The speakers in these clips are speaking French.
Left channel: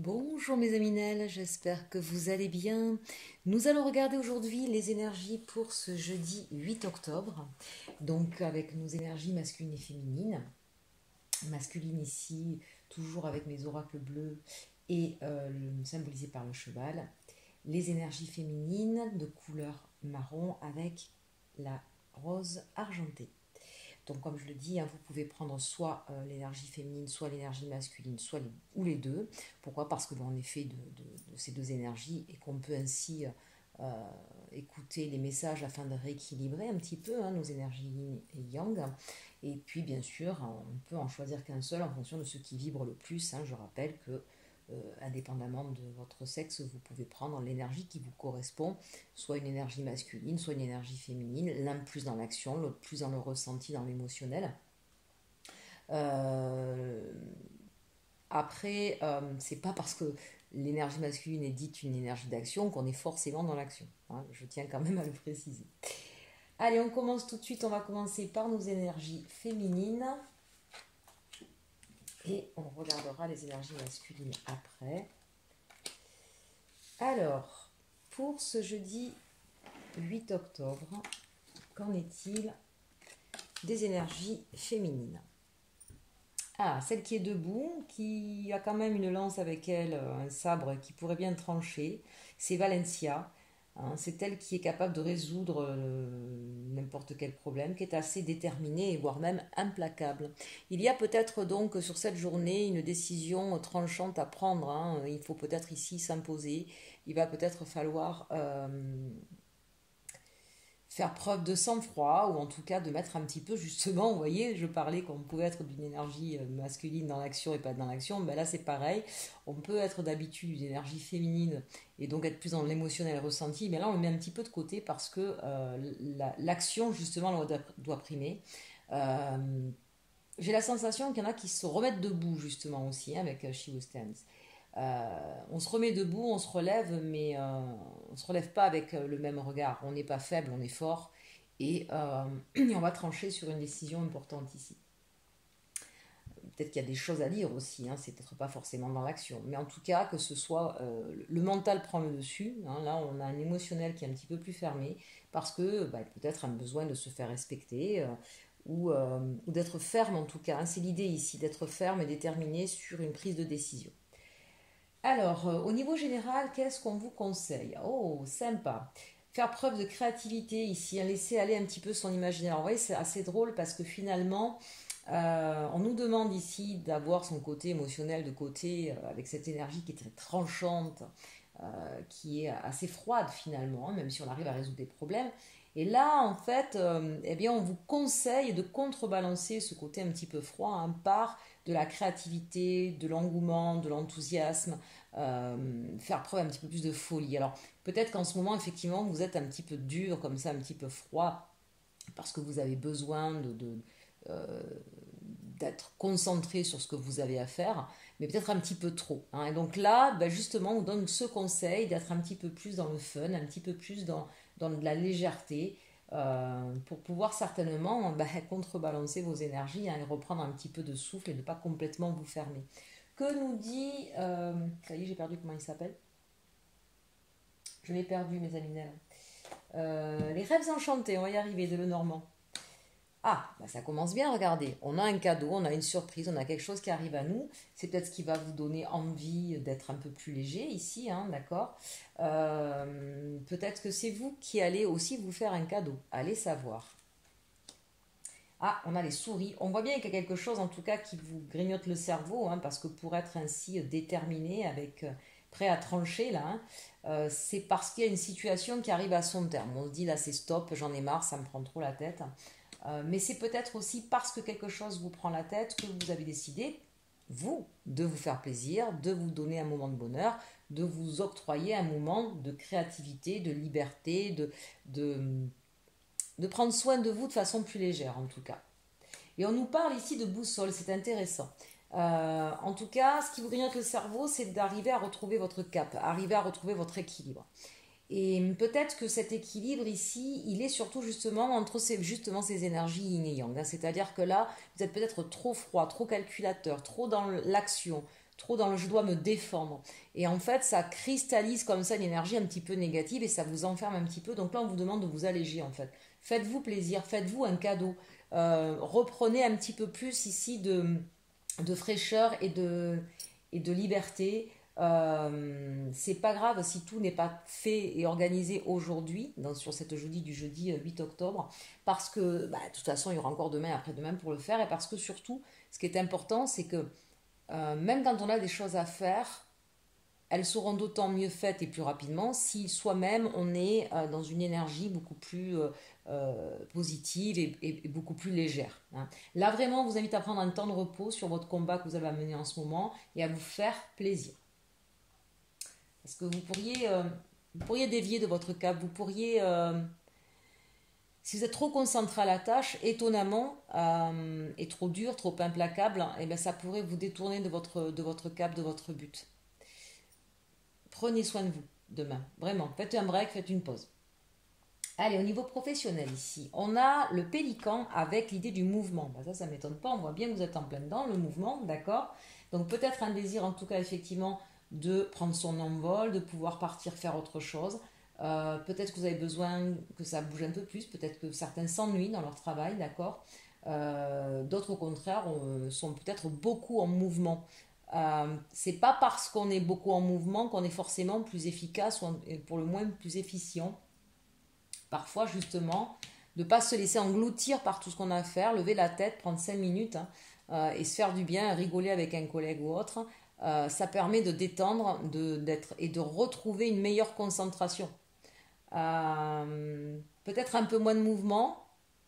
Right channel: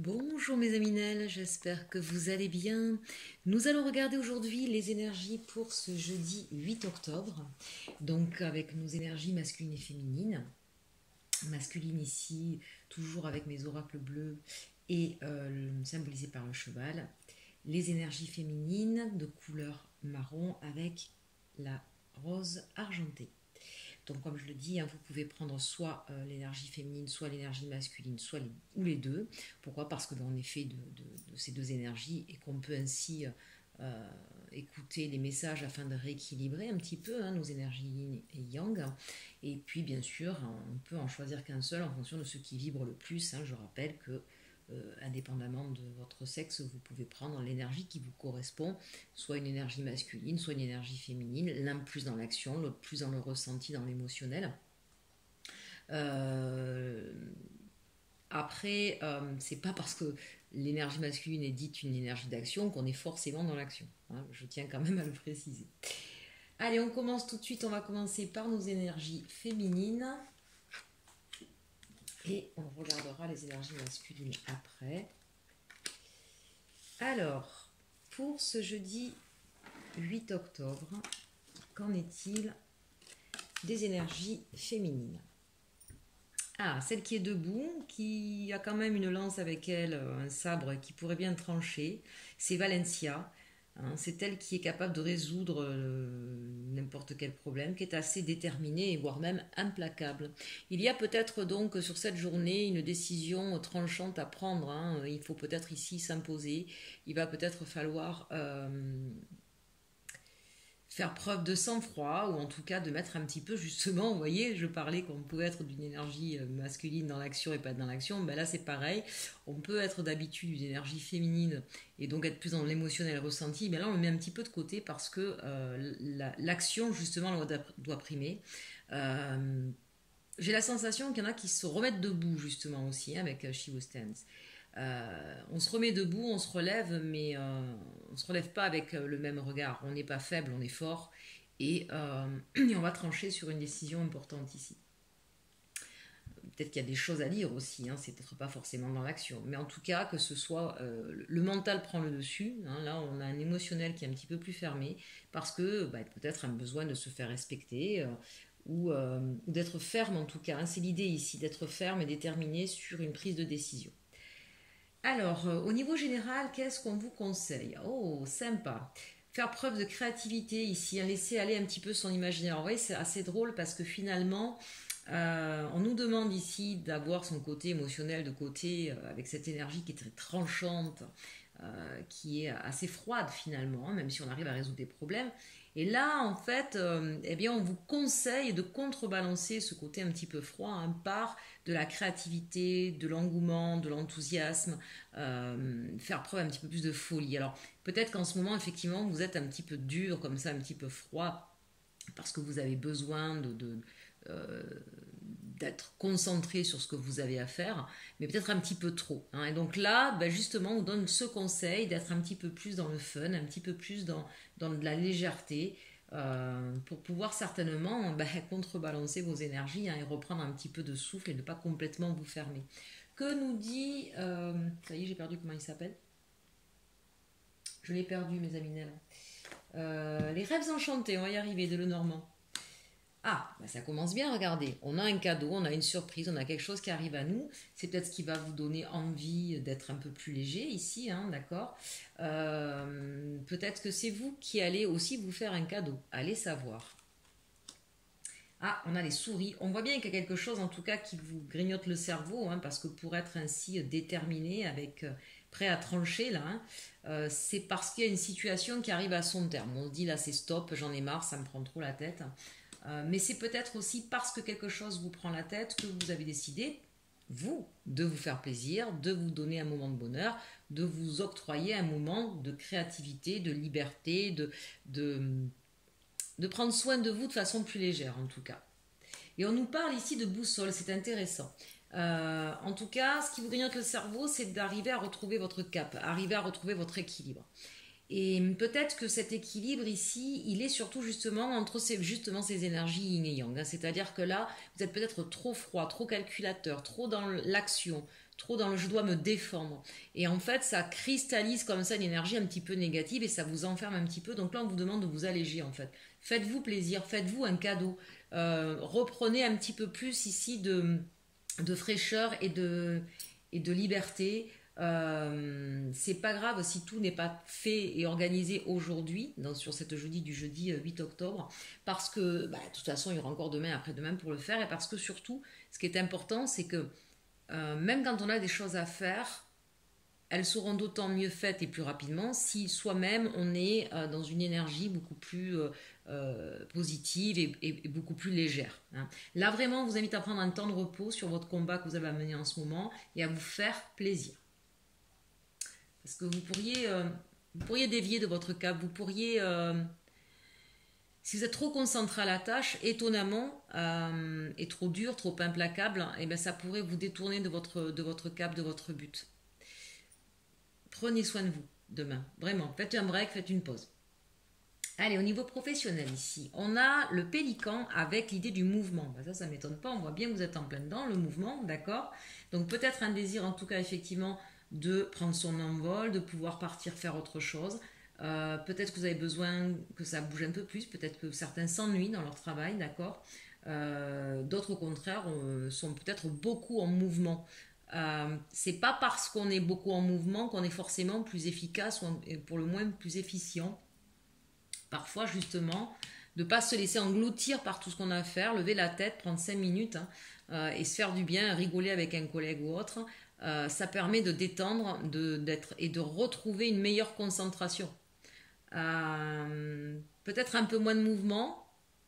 Bonjour mes aminelles, j'espère que vous allez bien. Nous allons regarder aujourd'hui les énergies pour ce jeudi 8 octobre. Donc avec nos énergies masculines et féminines. Masculine ici, toujours avec mes oracles bleus et symbolisés par le cheval. Les énergies féminines de couleur marron avec la rose argentée. Donc comme je le dis, hein, vous pouvez prendre soit l'énergie féminine, soit l'énergie masculine, ou les deux. Pourquoi? Parce que l'on est fait de ces deux énergies et qu'on peut ainsi écouter les messages afin de rééquilibrer un petit peu nos énergies yin et yang. Et puis bien sûr, on peut en choisir qu'un seul en fonction de ce qui vibre le plus. Je rappelle que indépendamment de votre sexe, vous pouvez prendre l'énergie qui vous correspond, soit une énergie masculine, soit une énergie féminine, l'un plus dans l'action, l'autre plus dans le ressenti, dans l'émotionnel. Après, c'est pas parce que l'énergie masculine est dite une énergie d'action qu'on est forcément dans l'action. Je tiens quand même à le préciser. Allez, on commence tout de suite. On va commencer par nos énergies féminines. Et on regardera les énergies masculines après. Alors, pour ce jeudi 8 octobre, qu'en est-il des énergies féminines? Celle qui est debout, qui a quand même une lance avec elle, un sabre qui pourrait bien trancher, c'est Valencia. C'est elle qui est capable de résoudre n'importe quel problème, qui est assez déterminée et voire même implacable. Il y a peut-être donc sur cette journée une décision tranchante à prendre. Il faut peut-être ici s'imposer. Il va peut-être falloir faire preuve de sang-froid, ou en tout cas de mettre un petit peu, justement, vous voyez, je parlais qu'on pouvait être d'une énergie masculine dans l'action et pas dans l'action, ben là c'est pareil, on peut être d'habitude d'une énergie féminine et donc être plus dans l'émotionnel ressenti, mais là on le met un petit peu de côté parce que l'action justement doit primer. J'ai la sensation qu'il y en a qui se remettent debout justement aussi avec She Who Stands. On se remet debout, on se relève, mais on ne se relève pas avec le même regard. On n'est pas faible, on est fort. Et on va trancher sur une décision importante ici. Peut-être qu'il y a des choses à dire aussi, c'est peut-être pas forcément dans l'action. Mais en tout cas, que ce soit le mental prend le dessus. Là, on a un émotionnel qui est un petit peu plus fermé parce que peut-être un besoin de se faire respecter. Ou d'être ferme en tout cas. C'est l'idée ici, d'être ferme et déterminé sur une prise de décision. Alors, au niveau général, qu'est-ce qu'on vous conseille? Oh, sympa. Faire preuve de créativité ici, laisser aller un petit peu son imaginaire. Vous voyez, c'est assez drôle parce que finalement, on nous demande ici d'avoir son côté émotionnel de côté, avec cette énergie qui est très tranchante, qui est assez froide finalement, même si on arrive à résoudre des problèmes. Et là, en fait, on vous conseille de contrebalancer ce côté un petit peu froid par de la créativité, de l'engouement, de l'enthousiasme, faire preuve un petit peu plus de folie. Alors, peut-être qu'en ce moment, effectivement, vous êtes un petit peu dur, comme ça, un petit peu froid, parce que vous avez besoin d'être concentré sur ce que vous avez à faire, mais peut-être un petit peu trop. Et donc là, justement, on vous donne ce conseil d'être un petit peu plus dans le fun, un petit peu plus dans de la légèreté, pour pouvoir certainement contrebalancer vos énergies et reprendre un petit peu de souffle et ne pas complètement vous fermer. Que nous dit... ça y est, j'ai perdu comment il s'appelle. Je l'ai perdu, mes aminelles. Les rêves enchantés, on va y arriver, de Lenormand. Ça commence bien, regardez. On a un cadeau, on a une surprise, on a quelque chose qui arrive à nous. C'est peut-être ce qui va vous donner envie d'être un peu plus léger ici, d'accord. Peut-être que c'est vous qui allez aussi vous faire un cadeau. Allez savoir. On a les souris. On voit bien qu'il y a quelque chose, en tout cas, qui vous grignote le cerveau, parce que pour être ainsi déterminé, prêt à trancher, là, c'est parce qu'il y a une situation qui arrive à son terme. On se dit, là, c'est stop, j'en ai marre, ça me prend trop la tête. Mais c'est peut-être aussi parce que quelque chose vous prend la tête que vous avez décidé, vous, de vous faire plaisir, de vous donner un moment de bonheur, de vous octroyer un moment de créativité, de liberté, de prendre soin de vous de façon plus légère en tout cas. Et on nous parle ici de boussole, c'est intéressant. En tout cas, ce qui vous grignote le cerveau, c'est d'arriver à retrouver votre cap, arriver à retrouver votre équilibre. Et peut-être que cet équilibre ici, il est surtout justement entre ces énergies yin et yang. C'est-à-dire que là, vous êtes peut-être trop froid, trop calculateur, trop dans l'action, trop dans le je dois me défendre. Et en fait, ça cristallise comme ça une énergie un petit peu négative et ça vous enferme un petit peu. Donc là, on vous demande de vous alléger en fait. Faites-vous plaisir, faites-vous un cadeau. Reprenez un petit peu plus ici de fraîcheur et de liberté. C'est pas grave si tout n'est pas fait et organisé aujourd'hui, sur cette jeudi du jeudi 8 octobre, parce que bah, de toute façon il y aura encore demain, après-demain pour le faire, et parce que surtout, ce qui est important, c'est que même quand on a des choses à faire, elles seront d'autant mieux faites et plus rapidement si soi-même on est dans une énergie beaucoup plus positive et beaucoup plus légère. Hein. Là vraiment, on vous invite à prendre un temps de repos sur votre combat que vous avez à mener en ce moment et à vous faire plaisir. Parce que vous pourriez dévier de votre cap, vous pourriez, si vous êtes trop concentré à la tâche, étonnamment, et trop dur, trop implacable, et bien ça pourrait vous détourner de votre cap, de votre but. Prenez soin de vous demain, vraiment, faites un break, faites une pause. Allez, au niveau professionnel ici, on a le pélican avec l'idée du mouvement. Ben ça ne m'étonne pas, on voit bien que vous êtes en plein dedans, le mouvement, d'accord. Donc peut-être un désir, en tout cas effectivement, de prendre son envol, de pouvoir partir faire autre chose. Peut-être que vous avez besoin que ça bouge un peu plus, peut-être que certains s'ennuient dans leur travail, d'accord. D'autres au contraire sont peut-être beaucoup en mouvement. C'est pas parce qu'on est beaucoup en mouvement qu'on est forcément plus efficace ou pour le moins plus efficient. Parfois justement, de ne pas se laisser engloutir par tout ce qu'on a à faire, lever la tête, prendre 5 minutes et se faire du bien, rigoler avec un collègue ou autre. Ça permet de détendre et de retrouver une meilleure concentration. Peut-être un peu moins de mouvement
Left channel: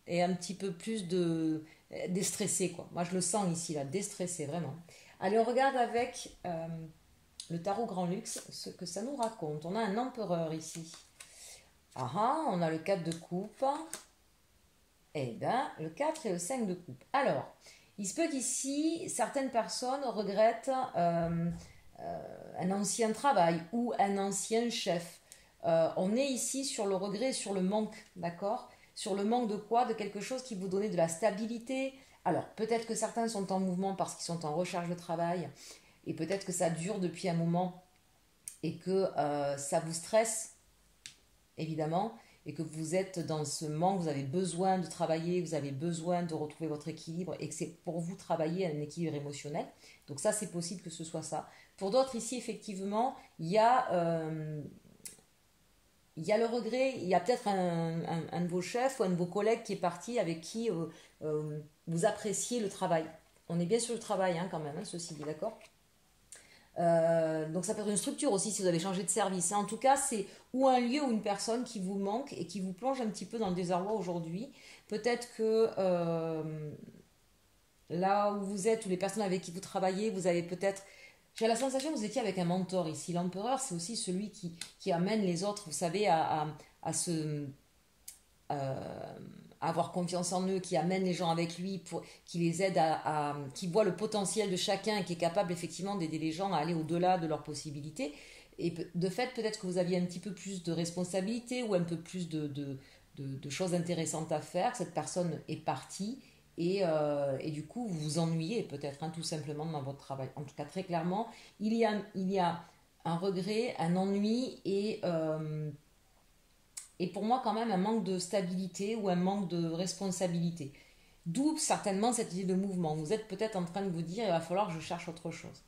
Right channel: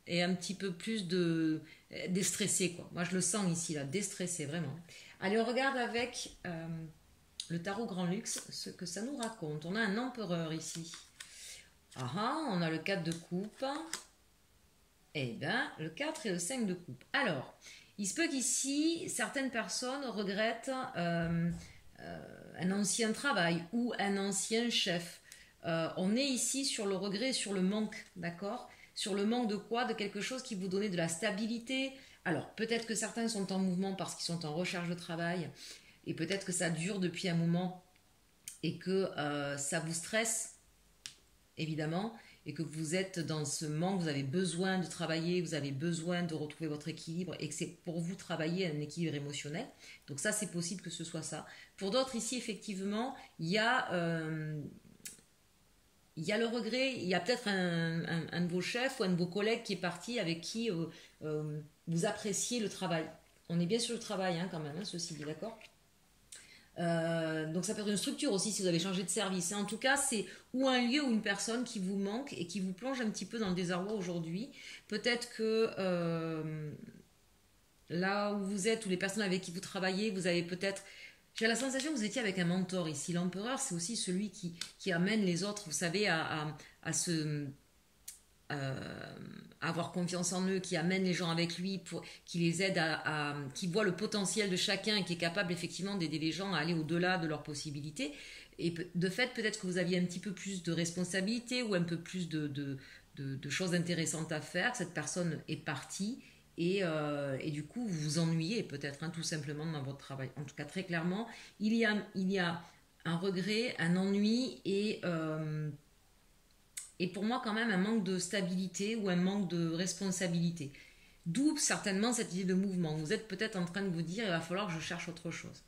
et un petit peu plus de déstressé, quoi. Moi je le sens ici là, déstressé vraiment. Allez, on regarde avec le tarot Grand Luxe ce que ça nous raconte. On a un empereur ici. On a le 4 de coupe. Eh bien, le 4 et le 5 de coupe. Alors, il se peut qu'ici, certaines personnes regrettent un ancien travail ou un ancien chef. On est ici sur le regret et sur le manque, d'accord? Sur le manque de quoi? De quelque chose qui vous donnait de la stabilité. Alors, peut-être que certains sont en mouvement parce qu'ils sont en recherche de travail et peut-être que ça dure depuis un moment et que ça vous stresse, évidemment, et que vous êtes dans ce manque, vous avez besoin de travailler, vous avez besoin de retrouver votre équilibre et que c'est pour vous travailler un équilibre émotionnel. Donc ça, c'est possible que ce soit ça. Pour d'autres ici, effectivement, il y a le regret, il y a peut-être un de vos chefs ou un de vos collègues qui est parti avec qui vous appréciez le travail. On est bien sur le travail hein, quand même, hein, ceci dit, d'accord? Donc ça peut être une structure aussi si vous avez changé de service. En tout cas, c'est ou un lieu ou une personne qui vous manque et qui vous plonge un petit peu dans le désarroi aujourd'hui. Peut-être que là où vous êtes, ou les personnes avec qui vous travaillez, vous avez peut-être... J'ai la sensation que vous étiez avec un mentor ici. L'empereur, c'est aussi celui qui amène les autres, vous savez, à avoir confiance en eux, qui amène les gens avec lui, qui les aide qui voit le potentiel de chacun et qui est capable effectivement d'aider les gens à aller au-delà de leurs possibilités. Et de fait, peut-être que vous aviez un petit peu plus de responsabilité ou un peu plus de choses intéressantes à faire. Cette personne est partie et du coup, vous vous ennuyez peut-être hein, tout simplement dans votre travail. En tout cas, très clairement, il y a un regret, un ennui et pour moi quand même un manque de stabilité ou un manque de responsabilité. D'où certainement cette idée de mouvement. Vous êtes peut-être en train de vous dire il va falloir que je cherche autre chose.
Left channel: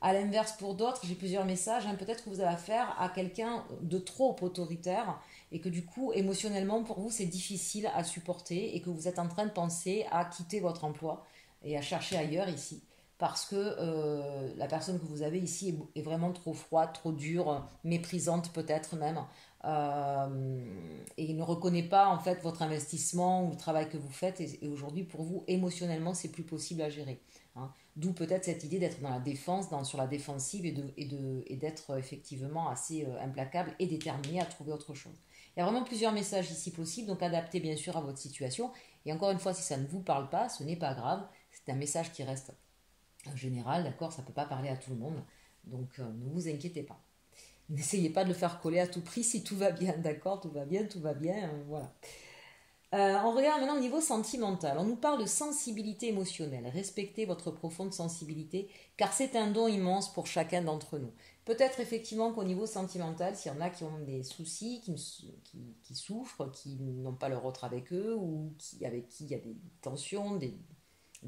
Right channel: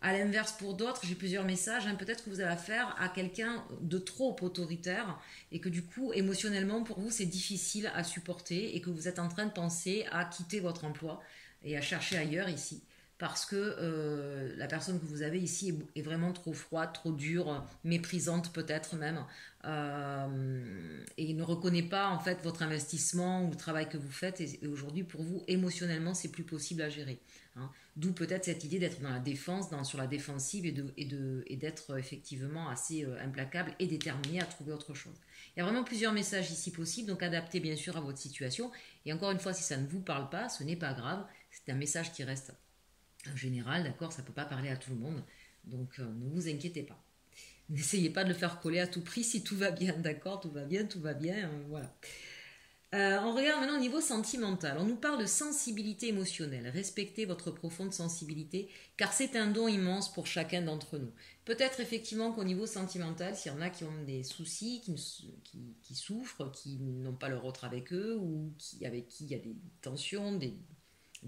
À l'inverse pour d'autres, j'ai plusieurs messages. Hein, peut-être que vous avez affaire à quelqu'un de trop autoritaire et que du coup émotionnellement pour vous c'est difficile à supporter et que vous êtes en train de penser à quitter votre emploi et à chercher ailleurs ici. Parce que la personne que vous avez ici est vraiment trop froide, trop dure, méprisante peut-être même, et ne reconnaît pas en fait votre investissement ou le travail que vous faites. Et aujourd'hui, pour vous, émotionnellement, c'est plus possible à gérer. Hein. D'où peut-être cette idée d'être dans la défense, sur la défensive et d'être effectivement assez implacable et déterminé à trouver autre chose. Il y a vraiment plusieurs messages ici possibles, donc adaptez bien sûr à votre situation. Et encore une fois, si ça ne vous parle pas, ce n'est pas grave. C'est un message qui reste en général, d'accord, ça ne peut pas parler à tout le monde, donc ne vous inquiétez pas. N'essayez pas de le faire coller à tout prix si tout va bien, d'accord, tout va bien, voilà. On regarde maintenant au niveau sentimental. On nous parle de sensibilité émotionnelle. Respectez votre profonde sensibilité, car c'est un don immense pour chacun d'entre nous. Peut-être effectivement qu'au niveau sentimental, s'il y en a qui ont des soucis, qui souffrent, qui n'ont pas leur autre avec eux, ou avec qui il y a des tensions, des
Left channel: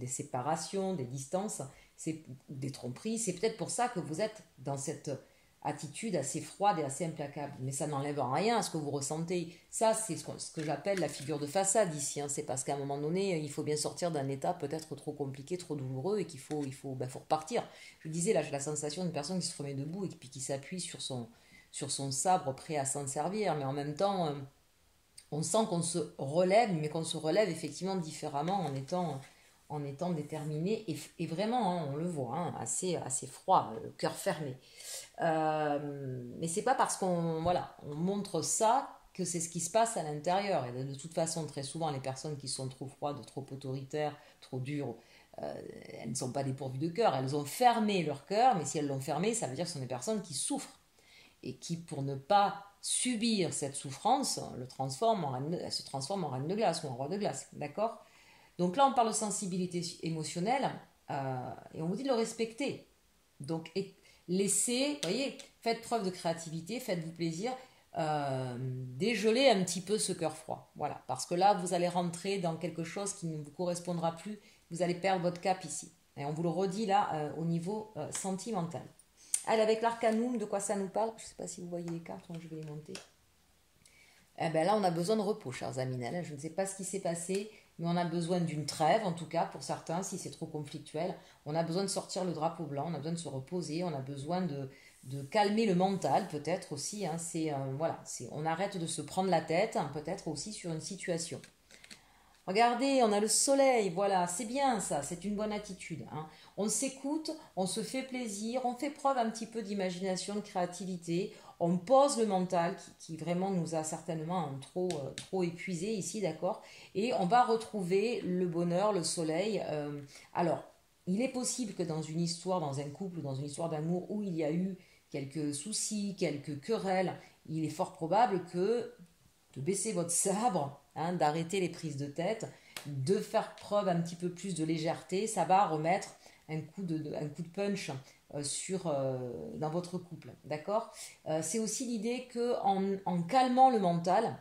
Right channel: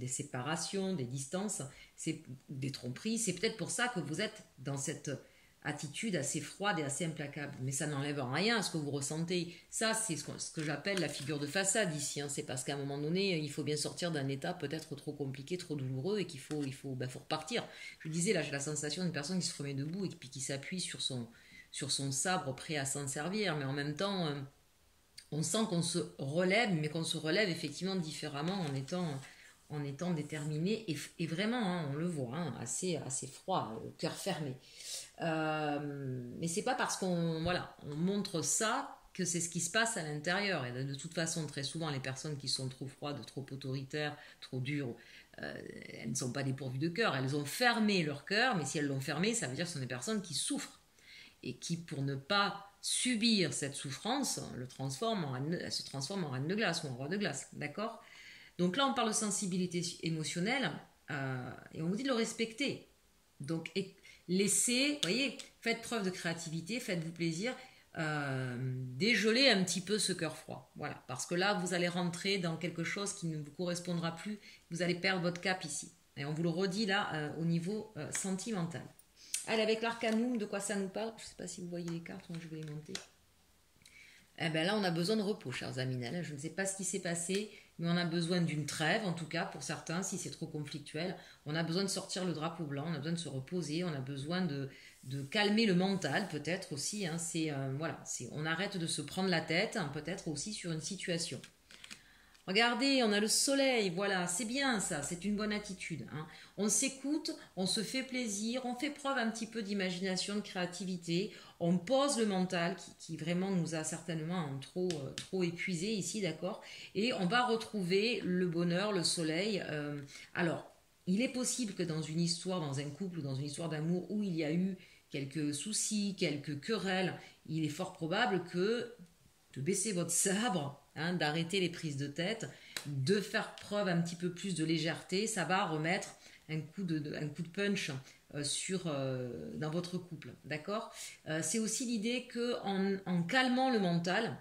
séparations, des distances, des tromperies, c'est peut-être pour ça que vous êtes dans cette attitude assez froide et assez implacable. Mais ça n'enlève en rien à ce que vous ressentez. Ça, c'est ce que j'appelle la figure de façade ici. C'est parce qu'à un moment donné, il faut bien sortir d'un état peut-être trop compliqué, trop douloureux, et qu'il faut repartir. Je disais, là, j'ai la sensation d'une personne qui se remet debout et puis qui s'appuie sur son sabre prêt à s'en servir. Mais en même temps, on sent qu'on se relève, mais qu'on se relève effectivement différemment en étant déterminé et vraiment, on le voit, assez froid, le cœur fermé. Mais c'est pas parce qu'on montre ça que c'est ce qui se passe à l'intérieur. Et de toute façon, très souvent, les personnes qui sont trop froides, trop autoritaires, trop dures, elles ne sont pas dépourvues de cœur. Elles ont fermé leur cœur, mais si elles l'ont fermé, ça veut dire que ce sont des personnes qui souffrent et qui, pour ne pas subir cette souffrance, elles se transforment en reine de glace ou en roi de glace. D'accord ? Donc là, on parle de sensibilité émotionnelle et on vous dit de le respecter. Donc, laissez, voyez, faites preuve de créativité, faites-vous plaisir, dégelez un petit peu ce cœur froid. Voilà, parce que là, vous allez rentrer dans quelque chose qui ne vous correspondra plus. Vous allez perdre votre cap ici. Et on vous le redit là, au niveau sentimental. Allez, avec l'arcanum, de quoi ça nous parle? Je ne sais pas si vous voyez les cartes, moi je vais les monter. Eh bien là, on a besoin de repos, chers amis. Je ne sais pas ce qui s'est passé, mais on a besoin d'une trêve, en tout cas pour certains, si c'est trop conflictuel. On a besoin de sortir le drapeau blanc, on a besoin de se reposer, on a besoin de calmer le mental, peut-être aussi. On arrête de se prendre la tête, peut-être aussi sur une situation. Regardez, on a le soleil, voilà, c'est bien ça, c'est une bonne attitude. On s'écoute, on se fait plaisir, on fait preuve un petit peu d'imagination, de créativité, on pose le mental qui vraiment nous a certainement trop épuisé ici, d'accord? Et on va retrouver le bonheur, le soleil. Alors, il est possible que dans une histoire, dans un couple ou dans une histoire d'amour où il y a eu quelques soucis, quelques querelles, il est fort probable que de baisser votre sabre, d'arrêter les prises de tête, de faire preuve un petit peu plus de légèreté, ça va remettre un coup de punch dans votre couple, d'accord? C'est aussi l'idée que en calmant le mental,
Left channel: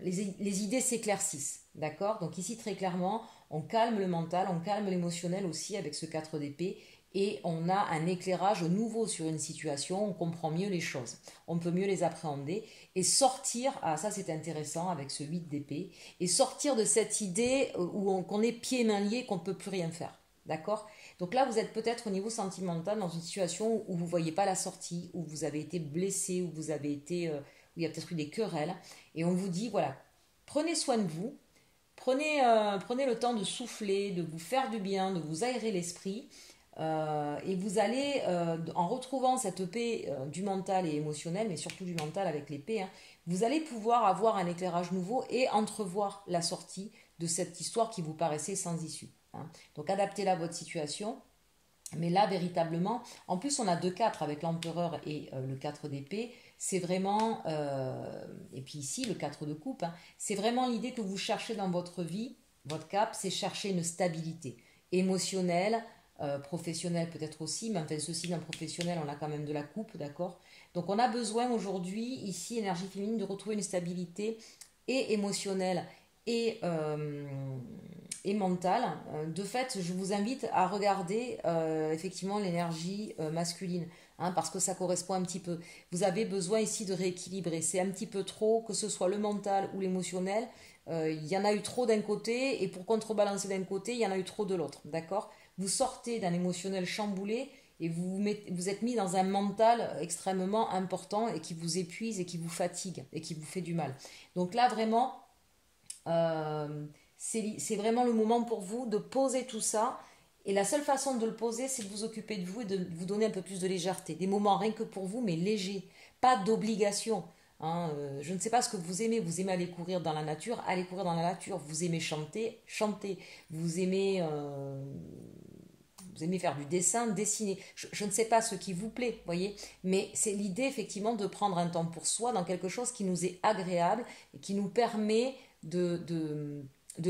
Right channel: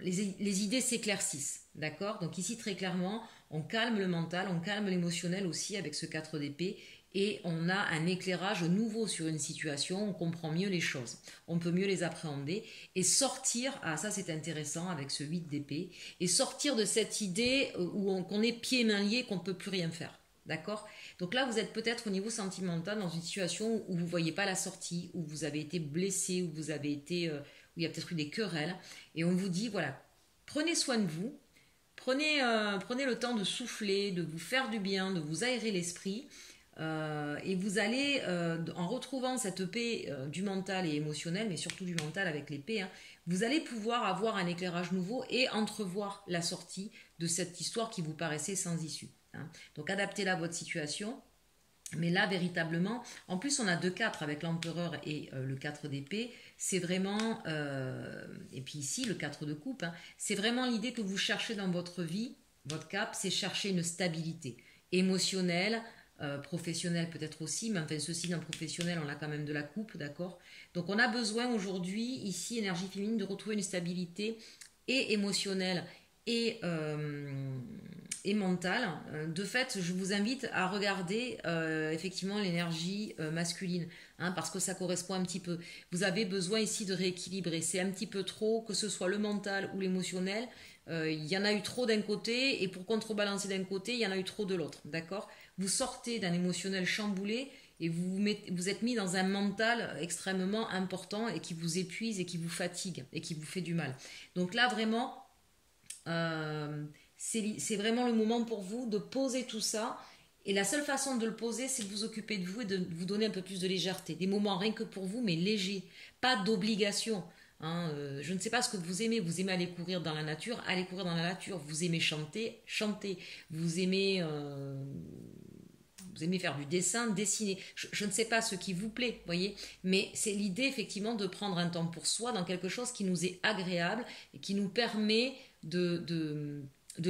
les idées s'éclaircissent, d'accord? Donc ici très clairement, on calme le mental, on calme l'émotionnel aussi avec ce 4 d'épée et on a un éclairage nouveau sur une situation, on comprend mieux les choses, on peut mieux les appréhender et sortir, ça c'est intéressant avec ce 8 d'épée, et sortir de cette idée qu'on est pieds et mains liés, qu'on ne peut plus rien faire, d'accord? Donc là vous êtes peut-être au niveau sentimental dans une situation où vous ne voyez pas la sortie, où vous avez été blessé, où vous avez été, où il y a peut-être eu des querelles, et on vous dit voilà, prenez soin de vous, prenez le temps de souffler, de vous faire du bien, de vous aérer l'esprit, et vous allez, en retrouvant cette paix du mental et émotionnel, mais surtout du mental avec l'épée, vous allez pouvoir avoir un éclairage nouveau et entrevoir la sortie de cette histoire qui vous paraissait sans issue. Donc adaptez-la à votre situation. Mais là, véritablement, en plus on a 2-4 avec l'empereur et le 4 d'épée, c'est vraiment, et puis ici le 4 de coupe, c'est vraiment l'idée que vous cherchez dans votre vie, votre cap, c'est chercher une stabilité émotionnelle, professionnelle peut-être aussi, mais enfin ceci dans le professionnel, on a quand même de la coupe, d'accord? Donc on a besoin aujourd'hui, ici, énergie féminine, de retrouver une stabilité et émotionnelle et mentale. De fait, je vous invite à regarder effectivement l'énergie masculine, parce que ça correspond un petit peu. Vous avez besoin ici de rééquilibrer. C'est un petit peu trop, que ce soit le mental ou l'émotionnel. Il y en a eu trop d'un côté, et pour contrebalancer d'un côté, il y en a eu trop de l'autre, d'accord? Vous sortez d'un émotionnel chamboulé et vous êtes mis dans un mental extrêmement important et qui vous épuise et qui vous fatigue et qui vous fait du mal. Donc là, vraiment, c'est vraiment le moment pour vous de poser tout ça. Et la seule façon de le poser, c'est de vous occuper de vous et de vous donner un peu plus de légèreté. Des moments rien que pour vous, mais légers. Pas d'obligation. Je ne sais pas ce que vous aimez. Vous aimez aller courir dans la nature, allez courir dans la nature. Vous aimez chanter, chantez. Vous aimez vous aimez faire du dessin, dessiner. Je ne sais pas ce qui vous plaît, voyez, mais c'est l'idée effectivement de prendre un temps pour soi dans quelque chose qui nous est agréable et qui nous permet de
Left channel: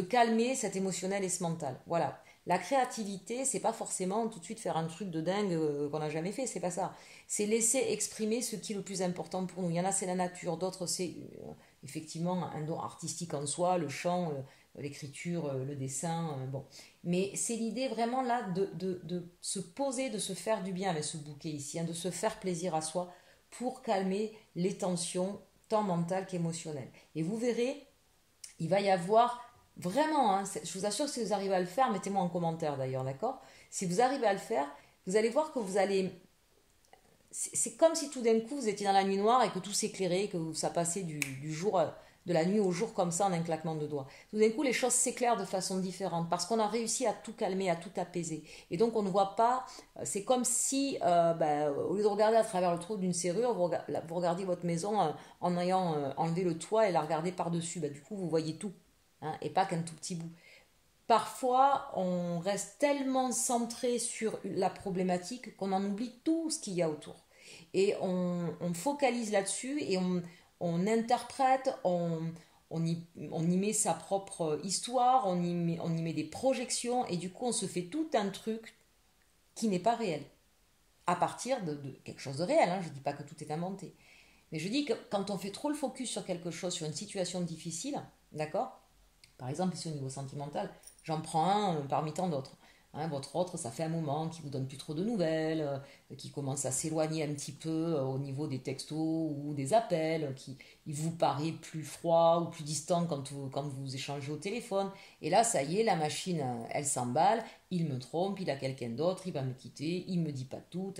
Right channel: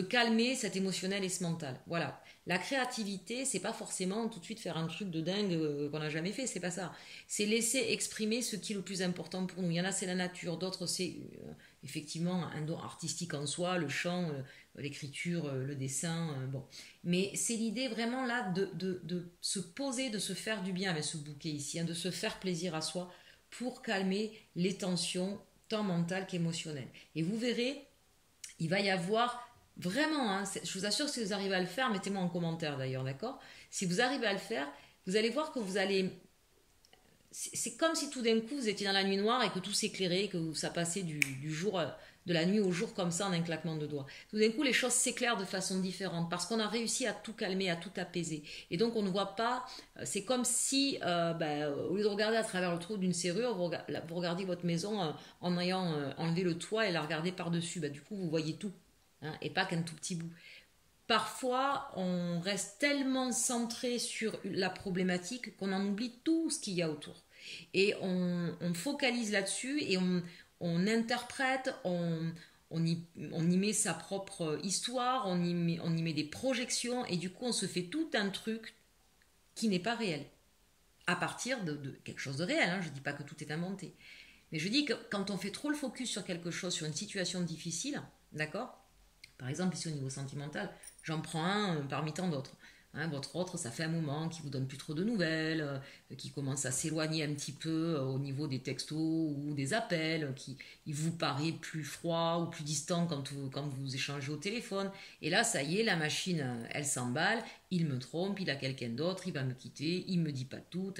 calmer cet émotionnel et ce mental. Voilà. La créativité, c'est pas forcément tout de suite faire un truc de dingue qu'on n'a jamais fait, c'est pas ça. C'est laisser exprimer ce qui est le plus important pour nous. Il y en a, c'est la nature, d'autres, c'est effectivement un don artistique en soi, le chant, l'écriture, le dessin, bon. Mais c'est l'idée vraiment là de se poser, de se faire du bien avec ce bouquet ici, hein, de se faire plaisir à soi pour calmer les tensions, tant mentales qu'émotionnelles. Et vous verrez, il va y avoir vraiment, hein, je vous assure que si vous arrivez à le faire, mettez-moi en commentaire d'ailleurs, d'accord? Si vous arrivez à le faire, vous allez voir que vous allez... C'est comme si tout d'un coup vous étiez dans la nuit noire et que tout s'éclairait, que ça passait du jour, de la nuit au jour comme ça en un claquement de doigts. Tout d'un coup les choses s'éclairent de façon différente parce qu'on a réussi à tout calmer, à tout apaiser. Et donc on ne voit pas, c'est comme si au lieu de regarder à travers le trou d'une serrure, vous regardez votre maison en ayant enlevé le toit et la regardez par-dessus. Du coup vous voyez tout, hein, et pas qu'un tout petit bout. Parfois, on reste tellement centré sur la problématique qu'on en oublie tout ce qu'il y a autour. Et on focalise là-dessus et on interprète, on y met sa propre histoire, on y met des projections et du coup, on se fait tout un truc qui n'est pas réel. À partir de quelque chose de réel, hein. Je ne dis pas que tout est inventé. Mais je dis que quand on fait trop le focus sur quelque chose, sur une situation difficile, d'accord ? Par exemple, ici au niveau sentimental, j'en prends un parmi tant d'autres. Hein, votre autre, ça fait un moment qu'il vous donne plus trop de nouvelles, qui commence à s'éloigner un petit peu au niveau des textos ou des appels, il vous paraît plus froid ou plus distant quand vous échangez au téléphone. Et là, ça y est, la machine, elle s'emballe, il me trompe, il a quelqu'un d'autre, il va me quitter, il me dit pas tout,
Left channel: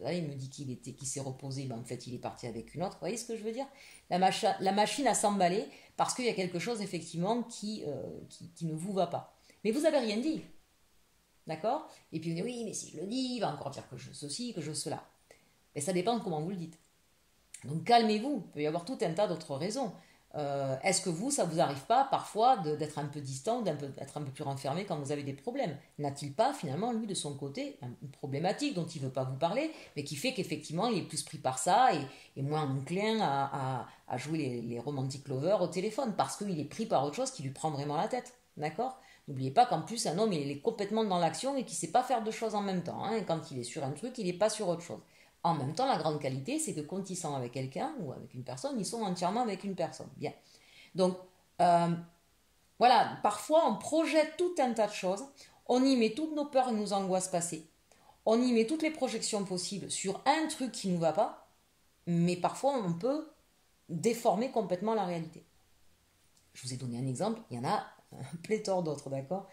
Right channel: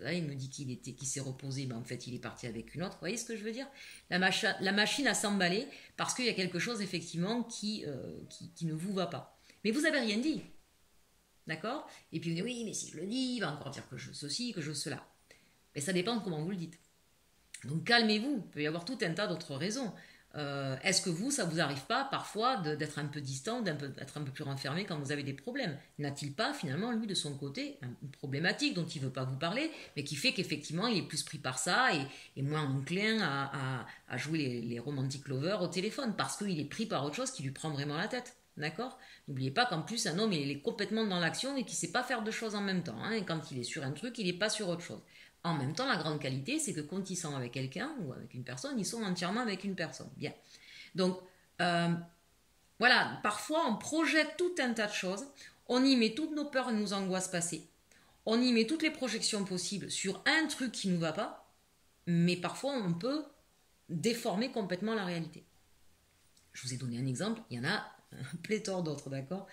il me dit qu'il s'est reposé, en fait, il est parti avec une autre. Vous voyez ce que je veux dire ? La machine a s'emballé parce qu'il y a quelque chose, effectivement, qui ne vous va pas. Mais vous n'avez rien dit. D'accord ? Et puis vous dites, oui, mais si je le dis, il va encore dire que je ceci, que je cela. Mais ça dépend de comment vous le dites. Donc calmez-vous, il peut y avoir tout un tas d'autres raisons. Est-ce que ça vous arrive pas parfois d'être un peu distant, d'être un peu plus renfermé quand vous avez des problèmes ? N'a-t-il pas finalement, lui, de son côté, une problématique dont il ne veut pas vous parler, mais qui fait qu'effectivement il est plus pris par ça et moins enclin à jouer les romantic lovers au téléphone, parce qu'il est pris par autre chose qui lui prend vraiment la tête. D'accord ? N'oubliez pas qu'en plus, un homme, il est complètement dans l'action et qu'il ne sait pas faire deux choses en même temps. Hein. Et quand il est sur un truc, il n'est pas sur autre chose. En même temps, la grande qualité, c'est que quand ils sont avec quelqu'un ou avec une personne, ils sont entièrement avec une personne. Bien. Donc, voilà, parfois, on projette tout un tas de choses. On y met toutes nos peurs et nos angoisses passées. On y met toutes les projections possibles sur un truc qui ne nous va pas. Mais parfois, on peut déformer complètement la réalité. Je vous ai donné un exemple, il y en a un pléthore d'autres, d'accord ?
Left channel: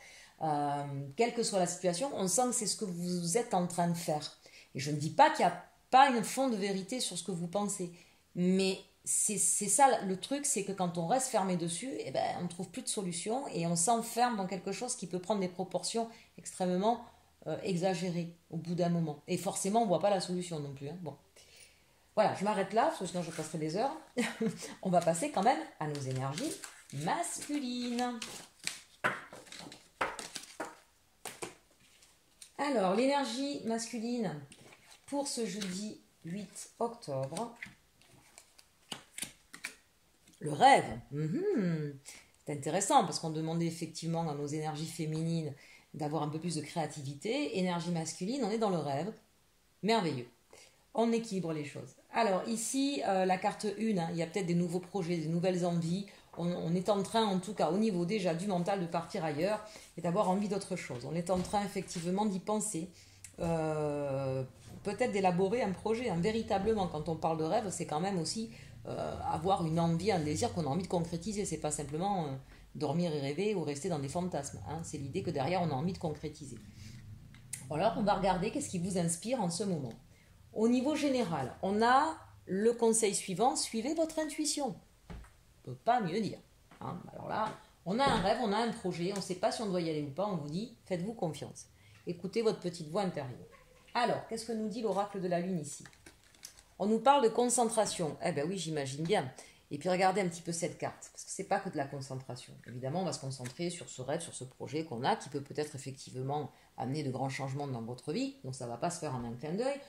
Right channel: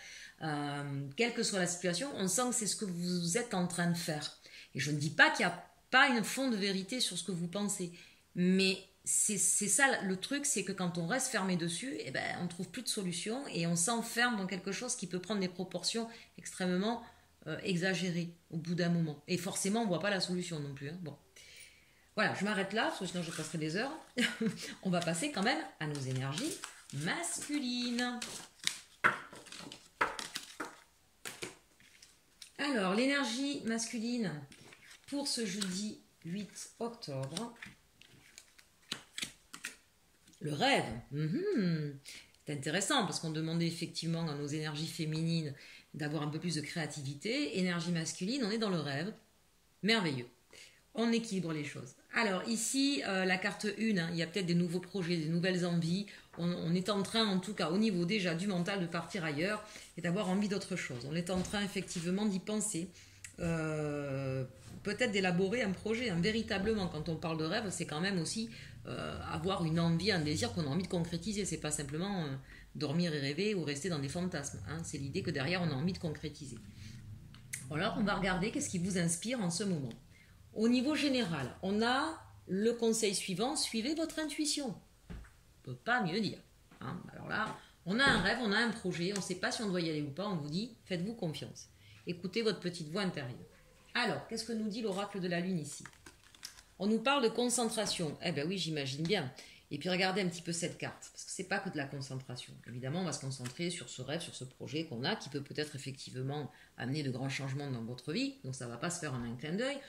Quelle que soit la situation, on sent que c'est ce que vous êtes en train de faire. Et je ne dis pas qu'il n'y a pas un fond de vérité sur ce que vous pensez, mais c'est ça le truc, c'est que quand on reste fermé dessus, on ne trouve plus de solution et on s'enferme dans quelque chose qui peut prendre des proportions extrêmement exagérées au bout d'un moment. Et forcément, on ne voit pas la solution non plus. Hein. Bon. Voilà, je m'arrête là, parce que sinon je passerai des heures. On va passer quand même à nos énergies masculines. Alors, l'énergie masculine pour ce jeudi 8 octobre. Le rêve. C'est intéressant parce qu'on demandait effectivement à nos énergies féminines d'avoir un peu plus de créativité. Énergie masculine, on est dans le rêve. Merveilleux. On équilibre les choses. Alors ici, la carte 1, hein, il y a peut-être des nouveaux projets, des nouvelles envies. On est en train, en tout cas au niveau déjà du mental, de partir ailleurs et d'avoir envie d'autre chose. On est en train effectivement d'y penser. Peut-être d'élaborer un projet. Hein. Véritablement, quand on parle de rêve, c'est quand même aussi avoir une envie, un désir qu'on a envie de concrétiser. C'est pas simplement dormir et rêver ou rester dans des fantasmes. Hein. C'est l'idée que derrière, on a envie de concrétiser. Alors, on va regarder qu'est-ce qui vous inspire en ce moment. Au niveau général, on a le conseil suivant, suivez votre intuition. On ne peut pas mieux dire. Hein. Alors là, on a un rêve, on a un projet, on ne sait pas si on doit y aller ou pas, on vous dit, faites-vous confiance. Écoutez votre petite voix intérieure. Alors, qu'est-ce que nous dit l'oracle de la Lune ici ? On nous parle de concentration. Eh bien oui, j'imagine bien. Et puis regardez un petit peu cette carte, parce que c'est pas que de la concentration. Évidemment, on va se concentrer sur ce rêve, sur ce projet qu'on a, qui peut peut-être effectivement amener de grands changements dans votre vie. Donc ça va pas se faire en un clin d'œil.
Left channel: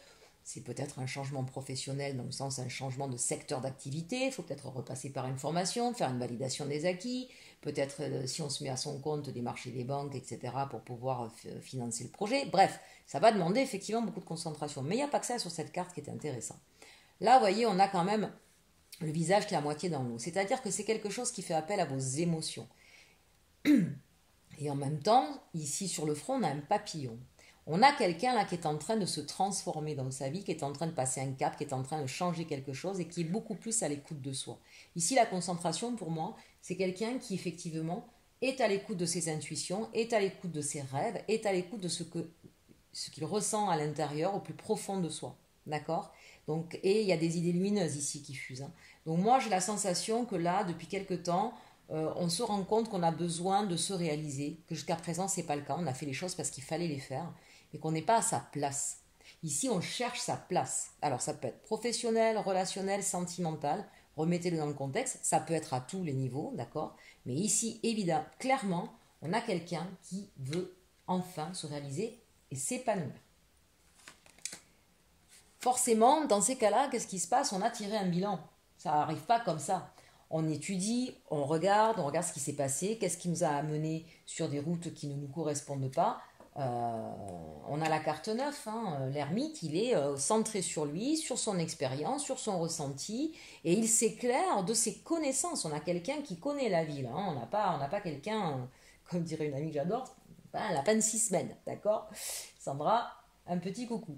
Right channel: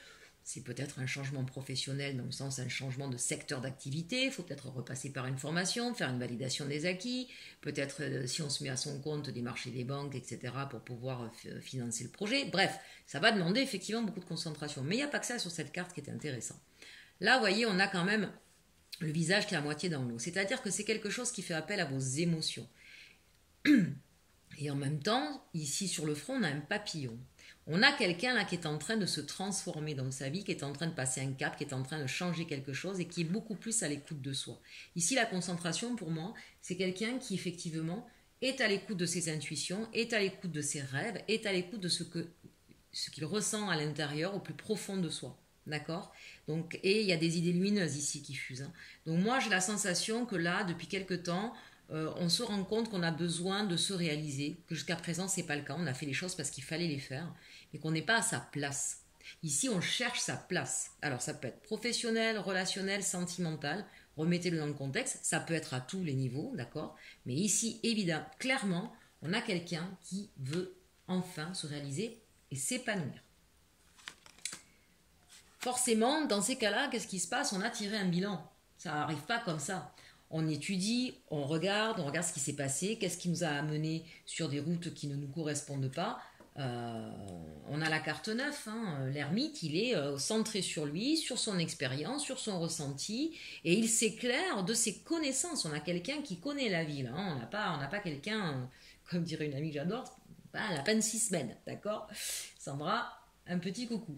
C'est peut-être un changement professionnel, dans le sens un changement de secteur d'activité. Il faut peut-être repasser par une formation, faire une validation des acquis. Peut-être, si on se met à son compte, démarcher des banques, etc., pour pouvoir financer le projet. Bref, ça va demander effectivement beaucoup de concentration. Mais il n'y a pas que ça sur cette carte qui est intéressant. Là, vous voyez, on a quand même le visage qui est à moitié dans l'eau. C'est-à-dire que c'est quelque chose qui fait appel à vos émotions. Et en même temps, ici sur le front, on a un papillon. On a quelqu'un là qui est en train de se transformer dans sa vie, qui est en train de passer un cap, qui est en train de changer quelque chose et qui est beaucoup plus à l'écoute de soi. Ici, la concentration, pour moi, c'est quelqu'un qui effectivement est à l'écoute de ses intuitions, est à l'écoute de ses rêves, est à l'écoute de ce qu'il ressent à l'intérieur, au plus profond de soi. D'accord ? Donc, et il y a des idées lumineuses ici qui fusent. Donc moi, j'ai la sensation que là, depuis quelque temps, on se rend compte qu'on a besoin de se réaliser, que jusqu'à présent, ce n'est pas le cas. On a fait les choses parce qu'il fallait les faire, mais qu'on n'est pas à sa place. Ici, on cherche sa place. Alors, ça peut être professionnel, relationnel, sentimental. Remettez-le dans le contexte. Ça peut être à tous les niveaux, d'accord ? Mais ici, évidemment, clairement, on a quelqu'un qui veut enfin se réaliser et s'épanouir. Forcément, dans ces cas-là, qu'est-ce qui se passe? On a tiré un bilan. Ça n'arrive pas comme ça. On étudie, on regarde ce qui s'est passé, qu'est-ce qui nous a amené sur des routes qui ne nous correspondent pas. On a la carte 9, l'ermite, il est centré sur lui, sur son expérience, sur son ressenti, et il s'éclaire de ses connaissances. On a quelqu'un qui connaît la vie, là, on n'a pas quelqu'un, comme dirait une amie que j'adore, elle n'a pas une 6 semaines, d'accord? Sandra, un petit coucou.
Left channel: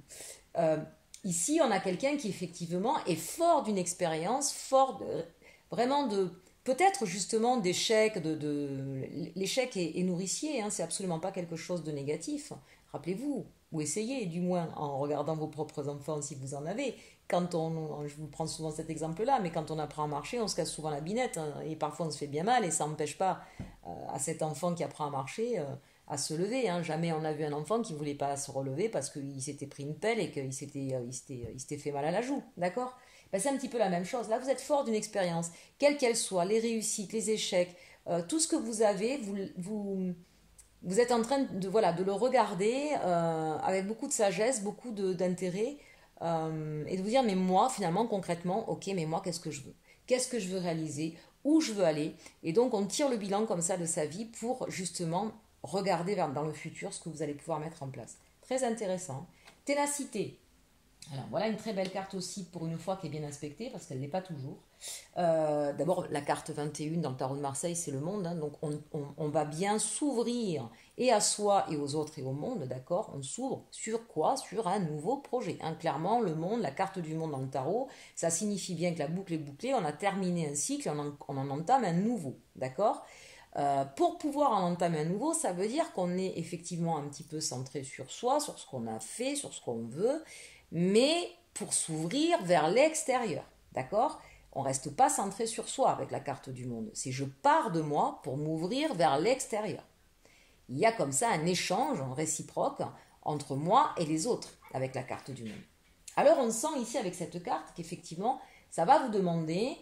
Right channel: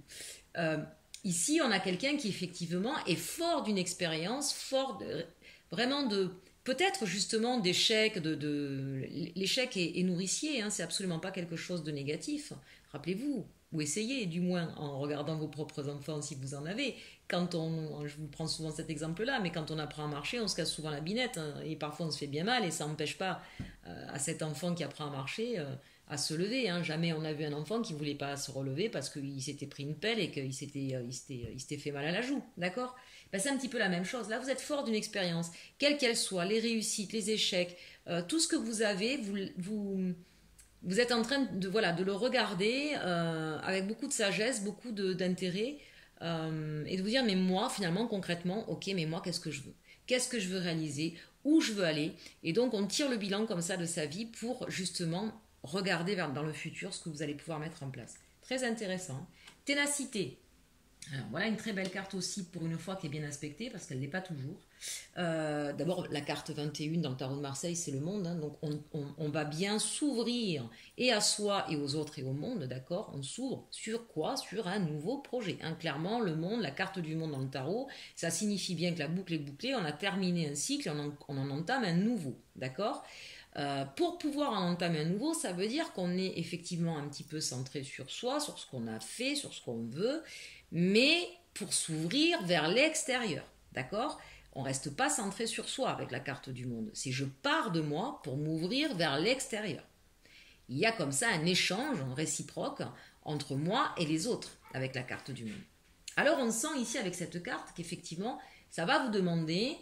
Ici, on a quelqu'un qui effectivement est fort d'une expérience, vraiment de peut-être justement d'échec, l'échec est nourricier, c'est absolument pas quelque chose de négatif. Rappelez-vous, ou essayez du moins en regardant vos propres enfants si vous en avez. Je vous prends souvent cet exemple-là, mais quand on apprend à marcher, on se casse souvent la binette, et parfois on se fait bien mal, et ça n'empêche pas à cet enfant qui apprend à marcher à se lever. Jamais on a vu un enfant qui ne voulait pas se relever parce qu'il s'était pris une pelle et qu'il s'était fait mal à la joue, d'accord? C'est un petit peu la même chose. Là, vous êtes fort d'une expérience, quelle qu'elle soit, les réussites, les échecs, tout ce que vous avez, vous êtes en train de le regarder avec beaucoup de sagesse, beaucoup d'intérêt, et de vous dire, mais moi, finalement, concrètement, ok, mais moi, qu'est-ce que je veux? Qu'est-ce que je veux réaliser? Où je veux aller? Et donc, on tire le bilan comme ça de sa vie pour justement regarder dans le futur ce que vous allez pouvoir mettre en place. Très intéressant. Ténacité. Alors voilà une très belle carte aussi pour une fois qui est bien aspectée parce qu'elle n'est pas toujours. D'abord la carte 21 dans le tarot de Marseille c'est le monde, donc on va bien s'ouvrir et à soi et aux autres et au monde, d'accord? On s'ouvre sur quoi? Sur un nouveau projet. Clairement le monde, la carte du monde dans le tarot, ça signifie bien que la boucle est bouclée, on a terminé un cycle, on en entame un nouveau, d'accord? Pour pouvoir en entamer un nouveau, ça veut dire qu'on est effectivement un petit peu centré sur soi, sur ce qu'on a fait, sur ce qu'on veut, mais pour s'ouvrir vers l'extérieur, d'accord? On ne reste pas centré sur soi avec la carte du monde. C'est je pars de moi pour m'ouvrir vers l'extérieur. Il y a comme ça un échange réciproque entre moi et les autres avec la carte du monde. Alors on sent ici avec cette carte qu'effectivement, ça va vous demander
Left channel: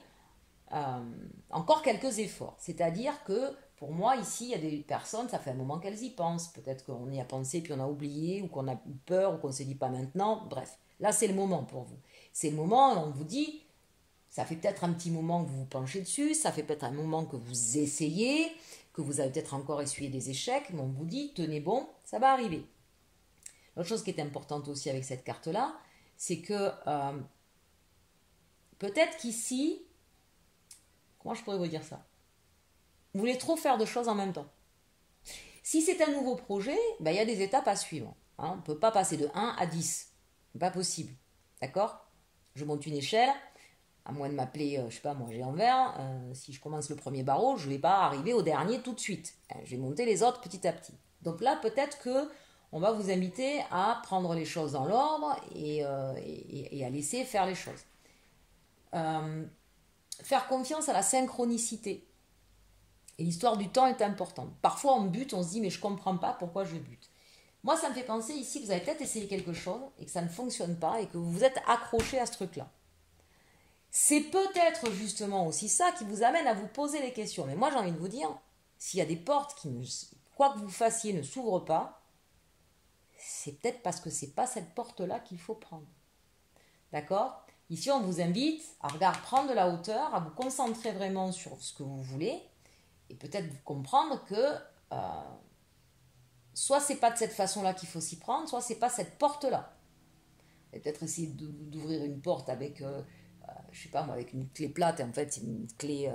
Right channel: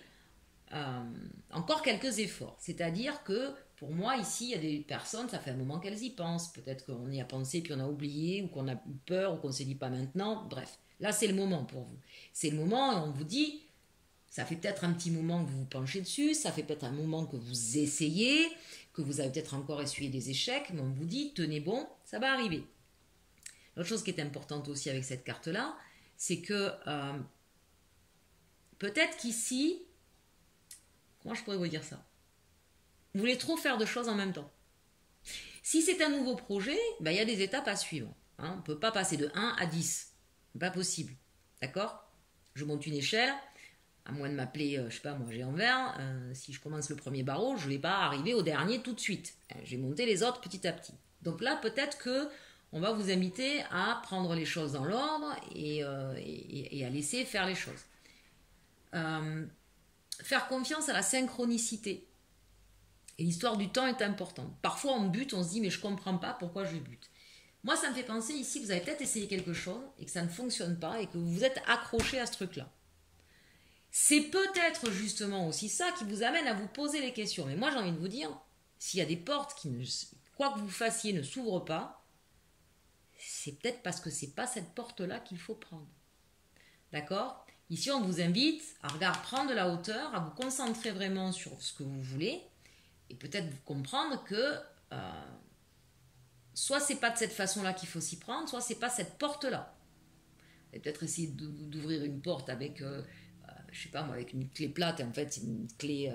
encore quelques efforts. C'est-à-dire que pour moi ici, il y a des personnes, ça fait un moment qu'elles y pensent. Peut-être qu'on y a pensé puis on a oublié ou qu'on a eu peur ou qu'on ne se dit pas maintenant. Bref, là c'est le moment pour vous. C'est le moment où on vous dit, ça fait peut-être un petit moment que vous vous penchez dessus, ça fait peut-être un moment que vous essayez, que vous avez peut-être encore essuyé des échecs, mais on vous dit, tenez bon, ça va arriver. L'autre chose qui est importante aussi avec cette carte-là, c'est que peut-être qu'ici, comment je pourrais vous dire ça? Vous voulez trop faire de choses en même temps. Si c'est un nouveau projet, il y a des étapes à suivre. On ne peut pas passer de 1 à 10. Pas possible. D'accord? Je monte une échelle, à moins de m'appeler, je sais pas moi, Géant Vert, si je commence le premier barreau, je ne vais pas arriver au dernier tout de suite. Je vais monter les autres petit à petit. Donc là, peut-être que on va vous inviter à prendre les choses dans l'ordre et à laisser faire les choses. Faire confiance à la synchronicité. Et l'histoire du temps est importante. Parfois, on bute, on se dit, mais je ne comprends pas pourquoi je bute. Moi, ça me fait penser ici, vous avez peut-être essayé quelque chose et que ça ne fonctionne pas et que vous vous êtes accroché à ce truc-là. C'est peut-être justement aussi ça qui vous amène à vous poser les questions. Mais moi, j'ai envie de vous dire, s'il y a des portes qui, quoi que vous fassiez, ne s'ouvrent pas, c'est peut-être parce que c'est pas cette porte-là qu'il faut prendre. D'accord? Ici, on vous invite à regarder, prendre de la hauteur, à vous concentrer vraiment sur ce que vous voulez, et peut-être vous comprendre que soit c'est pas de cette façon-là qu'il faut s'y prendre, soit c'est pas cette porte-là. Et peut-être essayer d'ouvrir une porte avec, je sais pas moi, avec une clé plate, et en fait c'est une clé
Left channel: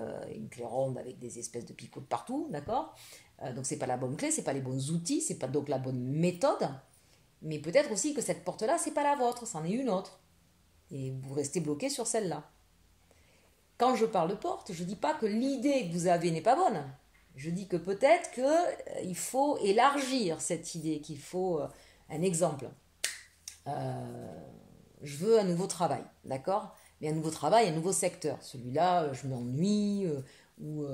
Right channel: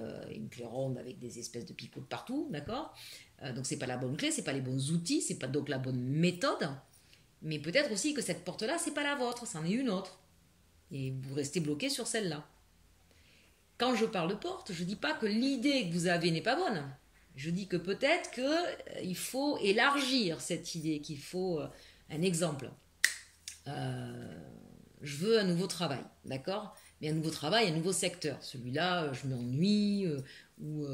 ronde avec des espèces de picots de partout, d'accord? Donc c'est pas la bonne clé, c'est pas les bons outils, c'est pas donc la bonne méthode, mais peut-être aussi que cette porte-là, c'est pas la vôtre, c'en est une autre. Et vous restez bloqué sur celle-là. Quand je parle de porte, je ne dis pas que l'idée que vous avez n'est pas bonne. Je dis que peut-être qu'il faut élargir cette idée, qu'il faut un exemple. Je veux un nouveau travail, d'accord? Mais un nouveau travail, un nouveau secteur. Celui-là, je m'ennuie, ou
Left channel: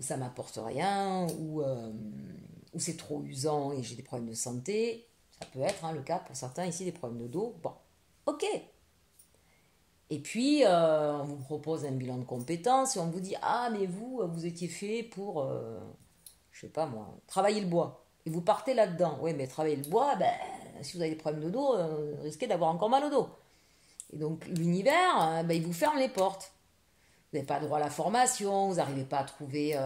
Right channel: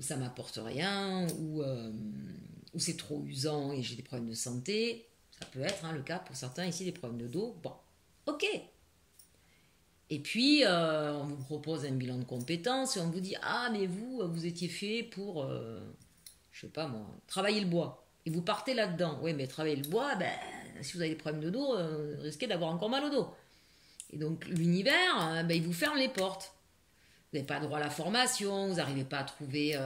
ça ne m'apporte rien, ou c'est trop usant et j'ai des problèmes de santé. Ça peut être le cas pour certains ici, des problèmes de dos. Bon, ok. Et puis, on vous propose un bilan de compétences et on vous dit « Ah, mais vous étiez fait pour, je sais pas moi, travailler le bois. » Et vous partez là-dedans. Oui, mais travailler le bois, ben, si vous avez des problèmes de dos, vous risquez d'avoir encore mal au dos. Et donc, l'univers, il vous ferme les portes. Vous n'avez pas droit à la formation, vous n'arrivez pas à trouver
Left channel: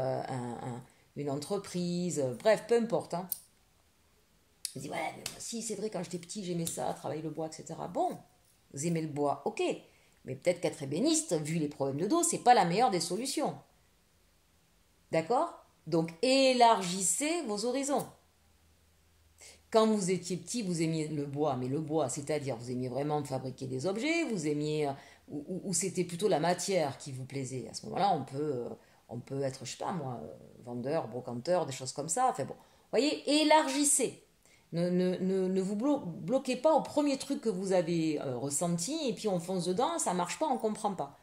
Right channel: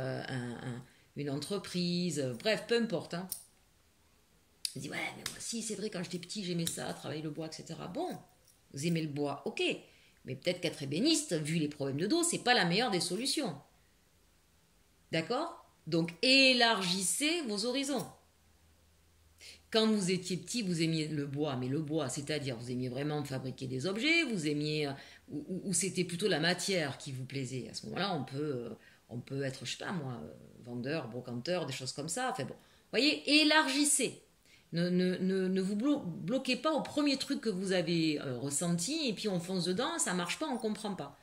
une entreprise, bref, peu importe. Hein. Vous dites « Ouais, mais moi, si, c'est vrai, quand j'étais petit, j'aimais ça, travailler le bois, etc. » Bon, vous aimez le bois, ok. Mais peut-être qu'être ébéniste, vu les problèmes de dos, c'est pas la meilleure des solutions. D'accord? Donc, élargissez vos horizons. Quand vous étiez petit, vous aimiez le bois, mais le bois, c'est-à-dire, vous aimiez vraiment fabriquer des objets, vous aimiez, ou c'était plutôt la matière qui vous plaisait. À ce moment-là, on peut être, je sais pas moi, vendeur, brocanteur, des choses comme ça. Enfin bon, voyez, élargissez. Ne vous bloquez pas au premier truc que vous avez ressenti et puis on fonce dedans, ça marche pas, on comprend pas.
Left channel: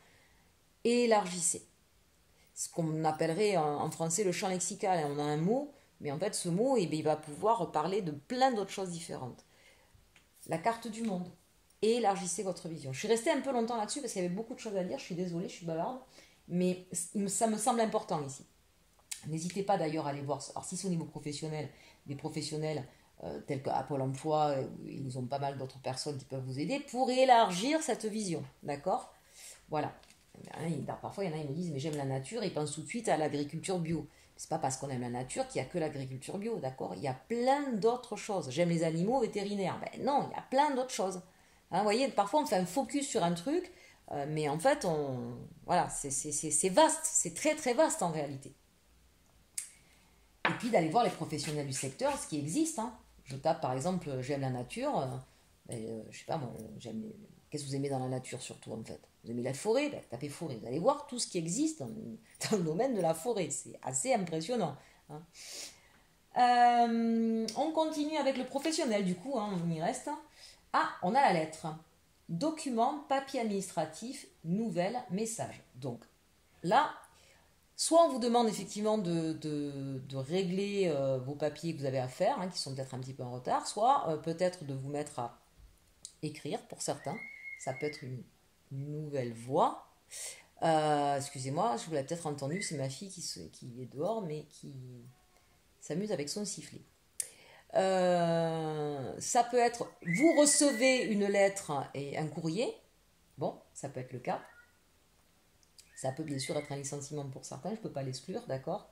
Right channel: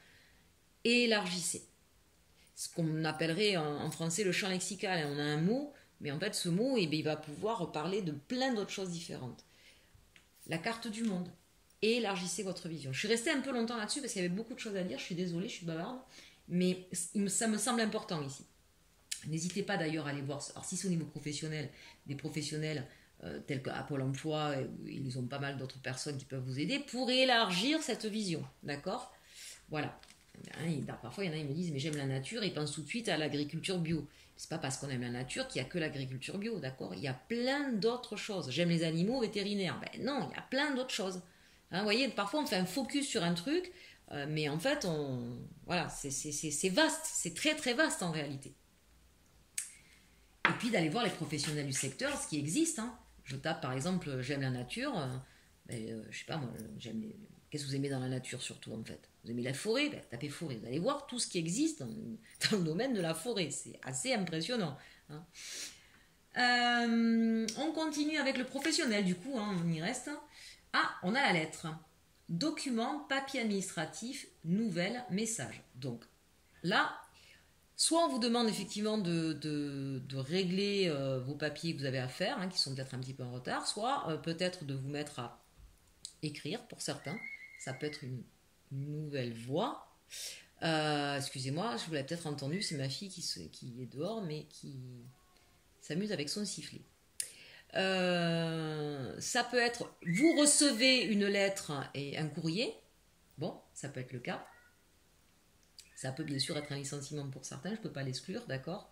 Élargissez. Ce qu'on appellerait en français le champ lexical. On a un mot, mais en fait ce mot, il va pouvoir parler de plein d'autres choses différentes. La carte du monde. Élargissez votre vision. Je suis restée un peu longtemps là-dessus parce qu'il y avait beaucoup de choses à dire. Je suis désolée, je suis bavarde, mais ça me semble important ici. N'hésitez pas d'ailleurs à aller voir. Alors si c'est au niveau professionnel, des professionnels tels qu'à Pôle emploi, ils ont pas mal d'autres personnes qui peuvent vous aider pour élargir cette vision, d'accord? Voilà. Parfois, il y en a, ils me disent, mais j'aime la nature, ils pensent tout de suite à l'agriculture bio. C'est pas parce qu'on aime la nature qu'il n'y a que l'agriculture bio, d'accord? Il y a plein d'autres choses. J'aime les animaux vétérinaires. Ben non, il y a plein d'autres choses. Hein, vous voyez, parfois, on fait un focus sur un truc, mais en fait, voilà, c'est vaste, c'est très très vaste en réalité. Et puis d'aller voir les professionnels du secteur, ce qui existe, hein. Je tape par exemple, j'aime la nature, je sais pas moi, qu'est-ce que vous aimez dans la nature surtout en fait? Vous aimez la forêt? Ben, tapez forêt, vous allez voir tout ce qui existe dans le domaine de la forêt, c'est assez impressionnant. Hein. On continue avec le professionnel du coup, hein, on y reste. Ah, on a la lettre. Document, papier administratif, nouvelle, message. Donc là, soit on vous demande effectivement de régler vos papiers que vous avez à faire, hein, qui sont peut-être un petit peu en retard, soit peut-être de vous mettre à écrire pour certains. Ça peut être une nouvelle voix. Excusez-moi, je vous l'ai peut-être entendu, c'est ma fille qui est dehors, mais qui s'amuse avec son sifflet. Ça peut être, vous recevez une lettre et un courrier. Bon, ça peut être le cas. Ça peut bien sûr être un licenciement pour certains, je ne peux pas l'exclure, d'accord.